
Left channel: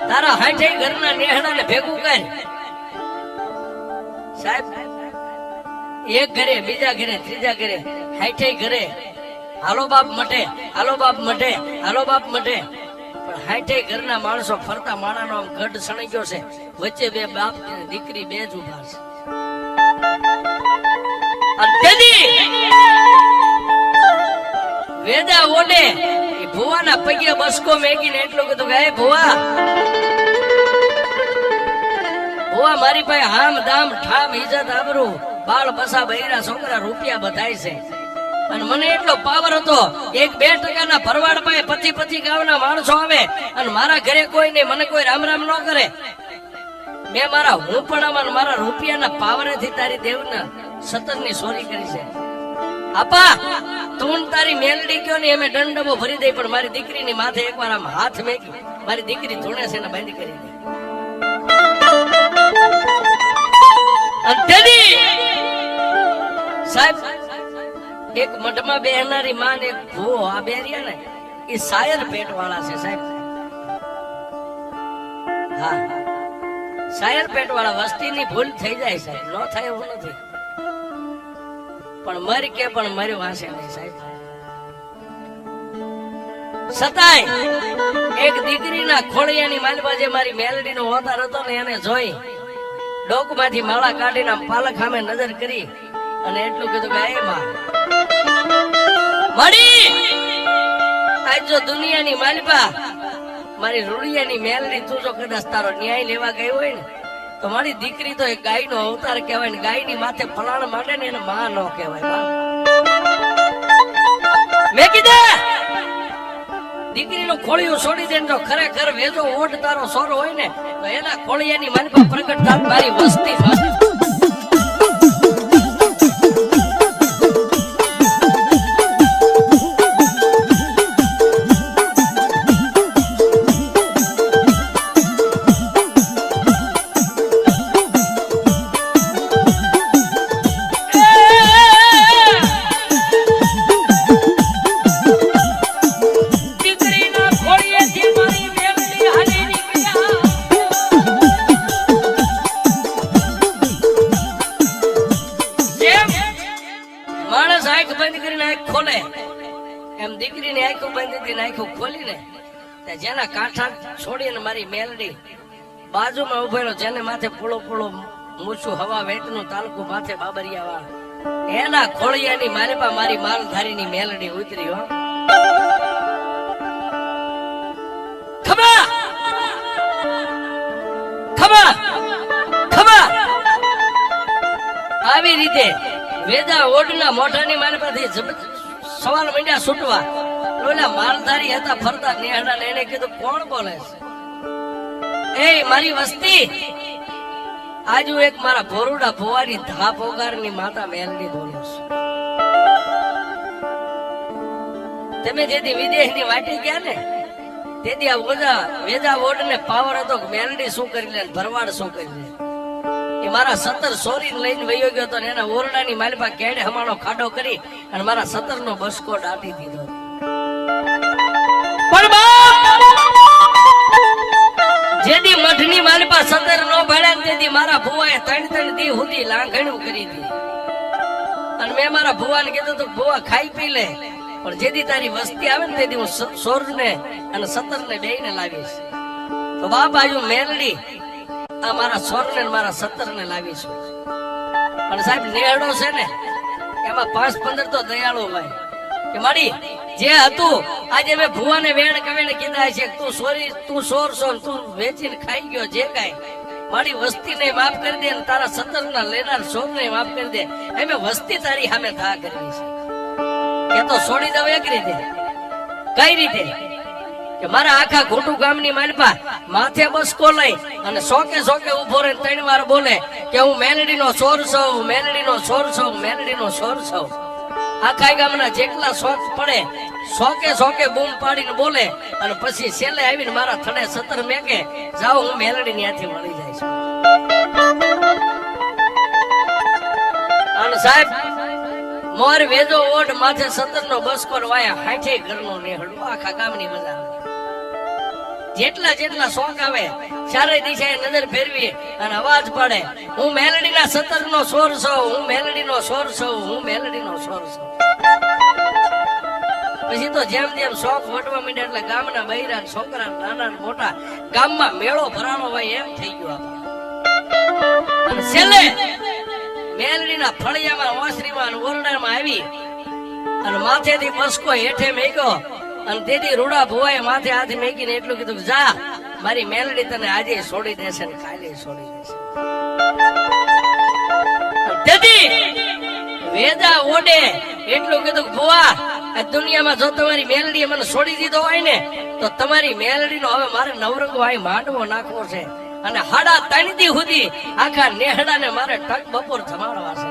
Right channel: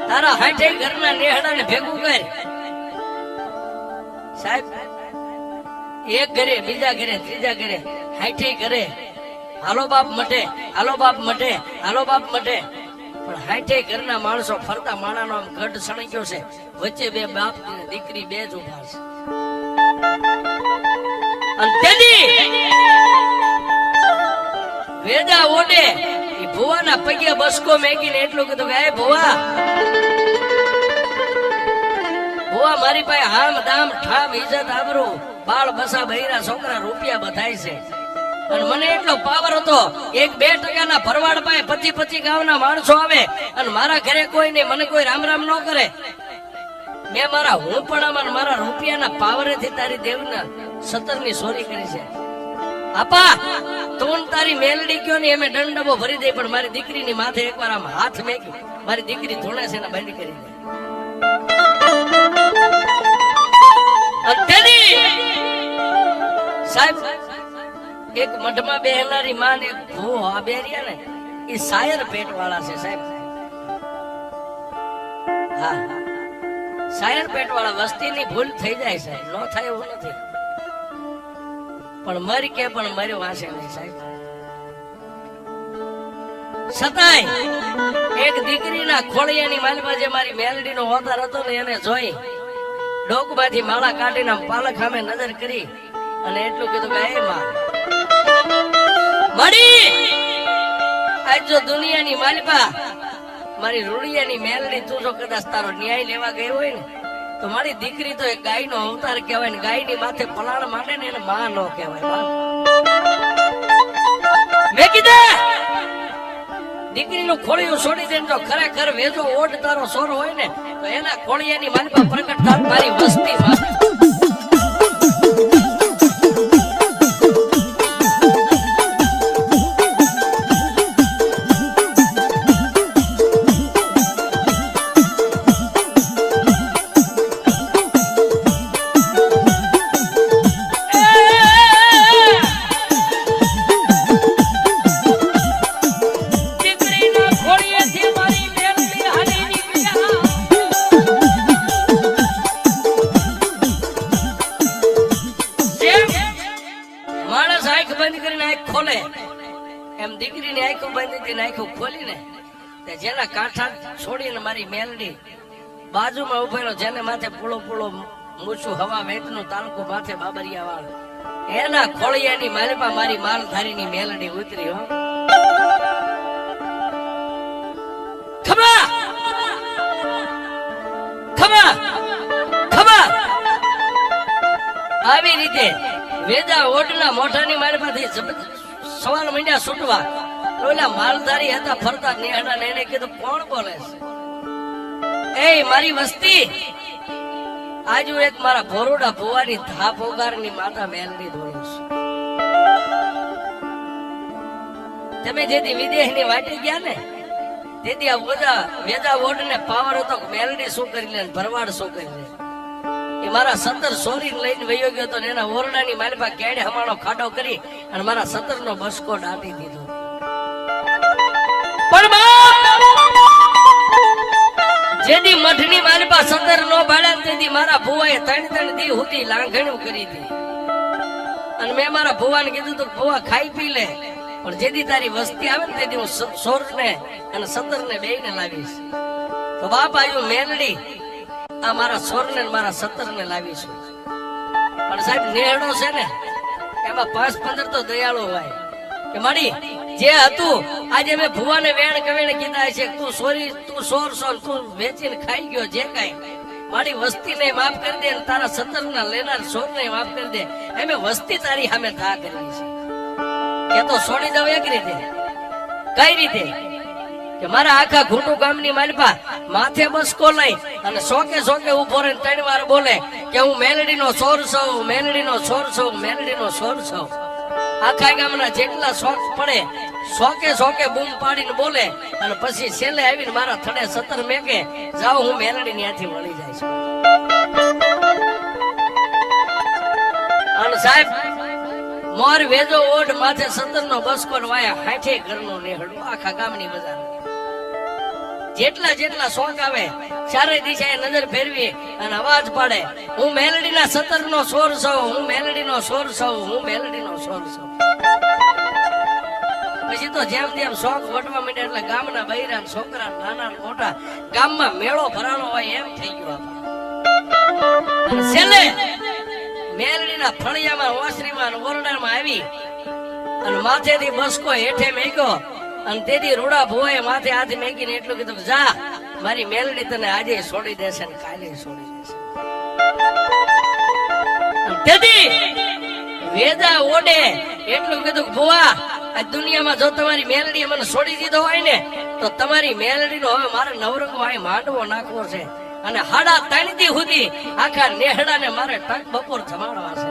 તારા હાથે ઘરના નેહડાને ભેગું કર સાહેબ એક ઘરે બીજા ઘરે ત્રીજા ઘરે હાથે ઘરે હાલો બાપ મટે હાલો બાપ મટે હાલો બાપ મટે પણ હાથે ઘરના માણસો ફરતા માણાનો આમ ગઢ સણી ગયો છે વચ્ચે બે બાપ દીકરી બે જ ઉભા છે અને તેજી વેદા ઓડે એ ભુવાના પગે બસકો મેકીને એટલું કીધું કે હે ભુવા ભુવા મારી પાસે હામ દામ ઠામ ઇજ્જત આબરૂ બાળ બસા બૈરા છોકરા રૂપિયા બધાય છે અને મને એટલો પાવર હતો 1-2% ના ભરવાડ પાસે 25 ગામના માણસો આવે અને મારા ઘરે કોઈ નહીં મને કોઈ રામ રામ ન કરે મેં મારા હુંપણામાં મારા રૂપિયાના પાવરેથી તારી દેવના 17 ની ચોરી કરી છે આપા તું તારી મેલડી કયો ને એમે દંડબો ભરી દઈ પણ મારી દીકરીની માથે એકવાર આમ હાથ મેકી મારી દીકરી ધૂણે છે ને બંધ કરી દે સાહેબ એક મઠમાં બેહનારી માં એક ભૂવો આ બે રહ્યા ને એ શાયર પેટ વાળા છે સાહેબ હા શાયર પેટ વાળા વસ્તીની ભૂલ થઈ જાય સાહેબ ન થાય એવું નથી પણ મરી કે પણ મરી વાંચે નહીં સાહેબ છતાંય એક દીકરીના ખોળિયાની માલમાં જે મારી મેલડીનો હોતાર હતો ને એને જોઈ ડોકમાંથી માળા કાઢીને પાલક સામે નજર કરી અને એટલું કીધું કે હે માં મળી આજ જો દુનિયાની માલિપા મારી રૂડિયાની મેલડી તું જો કદાચ તારો ન્યાય લેવા ગઈ હોય ને તો મારી દીકરી તો એક ગાયનો અવતાર કહેવાય ને ગાયની માથે પલાણ માંડે ને એને માં નો કહેવાય મેં કીધા દીકરીનું ખોળિયું છોડી દે જો ખરેખર વેજો ઓઢ તારો સોર હોય ને તો એના ખોળિયાની માલપા પ્રગટ થાત મારી વસ્તી જેના કાંઠા છોડીને મારી મેલડી બાજુમાં ઉભેલો જેને માથે પોળો પોળો મૂછું હવા વેતનો તાલુકો માથે બાબરિયા વાળ એના ખોળિયાની મારીમાં મારી માલધારીની મેલડી ઉતરી હો ખબા ખબા ખબા આવી રીતે વેદા ઓડના મોઢાની મારી પાસેથી સવાલ મંડ્યા છૂટવા ઓલા માલધારી હતા ફરતા નેહડા એને કીધું કોણ બોલે છે એ મારી વસ્તી આજુ એક મારા ભોરુડા ભોવાની ધા પોગારની માતા મેલડી દોડે છે તમે જેથી વિદેશની વાટી ગયા ને તેથી આ વેદા વોડ ને પાવર હતો મેલડી શું કરી લે ભરવાડ શું કરી લે એ મારા 17 સોરી લઈને વયો ગયો હતો ને એના ઓરડાની માલપા કેડે હમાણો ખાડો કરી અને મારા 17 નો બસકો દાટી દીધો જેદી મઠની માલપા 17 નો ભાડે તેથી મારા ભુવાએ 3 દી સુધી લાંઘણું કરી દીધી અને મેં મારા ભુવાને કીધું તું ભુવા ખાઈ પી લે પણ જેદી તારી વસ્તી આવે ને તેથી હું સોરજ ને અને 17 ને બેયને લાવીશ તો બાપ આયુ મેલડી આ મારા સોર ને મારા 17 ને લાવીશું અને સાહેબ નેહડો છે ને એમાં 5-15 તો દયાળુ હોય કે મારી જે હતું આજે મેં ભુવાને વેણ કવીને કીધા છે તું સોરી તું સોર સોર તું વેચીને ખાઈ ગયો જે કાઈ મારી વસ્તીને માફ કરી દે અને તારા 17 ના લેનાર સોરને માફ કરી દે એમે વસ્તી તારી સામે થા કરી છે કે તો છોડી દઉં એક રીતે કઈ રીતે કે મારા આખા ઘૂંટુ ગામની માલપા માથે બસકો લઈ અને સોકે ઉભો રહે 3 વાર બોલે કે હું મેલડીનો સોર છું મેલડીનો સોર છું મેલડીનો સોર છું આખા ગામના જેટલા શોખ પડે સોકે બૂમ પાડીને બોલે અને પછી છેલ્લે આવીને મારા થડે 17 મેકે જાઓ હું મેલડી ત્યાંથી મળી જાય છું અને સાહેબ મોર વેજો ઓઢ માથે 17 નો બસકો વાયા 60 ઘરનો નેહડો આખા ગામની બજાર જેટલા શોખ આવે ચારે દિશાએ નજર ફેરવી અને અવાજ પડે હું મેલડીના 17 નો સોર છું હું મેલડીનો સોર છું હું મેલડીનો સોર છું પછી તો જેમ શોખ વટવા માંડ્યા એટલે ગામના બૈરા છોકરા નાના મોટા ગામમાં મેળો ભરાણો હોય એમ થઈ ગયું અને છેલ્લે મેલડીના ફળિયામાં ઓસરીમાં ઓરડામાં આવી અને માથેથી બસકો હેઠે મેક્યો અને તેથી રૂડા ભુવાએ માથે હાથ મેકીને એટલું કીધું જા મારી મેલડી તને આજે છોડી દેશે ને કાલે છોડી દેશે તેથી વેદા ઓડે એટલું કીધું ભુવા આ દુનિયામાં જો તમારી મેલડી મને છોડી દીધો હોય ને તો તમારી મેલડીનો હવે મારે નવરંગો આય માંડવો નાખવો છે અને 3:30 દી સુધી આખા નેહડાને મારે ટક બપોર થમાડવા છે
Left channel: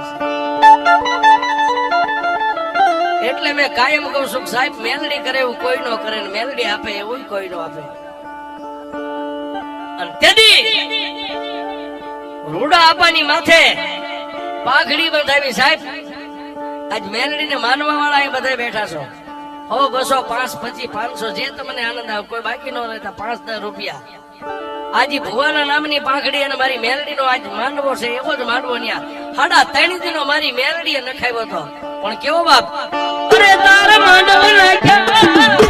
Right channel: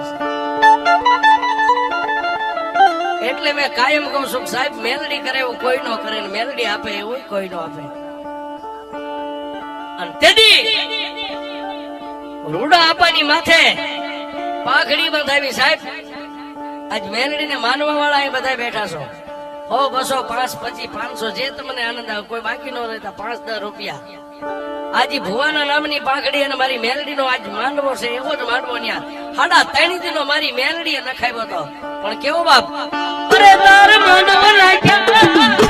એટલે મેં કાયમ કહું છું સાહેબ મેલડી કરે એવું કોઈ નો કરે ને મેલડી આપે એવું કોઈ નો આપે અને તેથી રૂડા આપાની માથે પાઘડી બંધાવી સાહેબ આજ મેલડીને માનવા વાળા એ બધા બેઠા છો 100 200 5 25 500 જે તમને આનંદ આવે કોઈ બાકી નો રહેતા 5-10 રૂપિયા આજે ભુવાના નામની પાઘડી અને મારી મેલડીનો આજ માનવો છે એવો જ માનવો ન્યા 3.5 દીનો મારી મેલડીએ નખાવ્યો હતો પણ કેવો બાપ અરે તારે માનવ રાખ્યા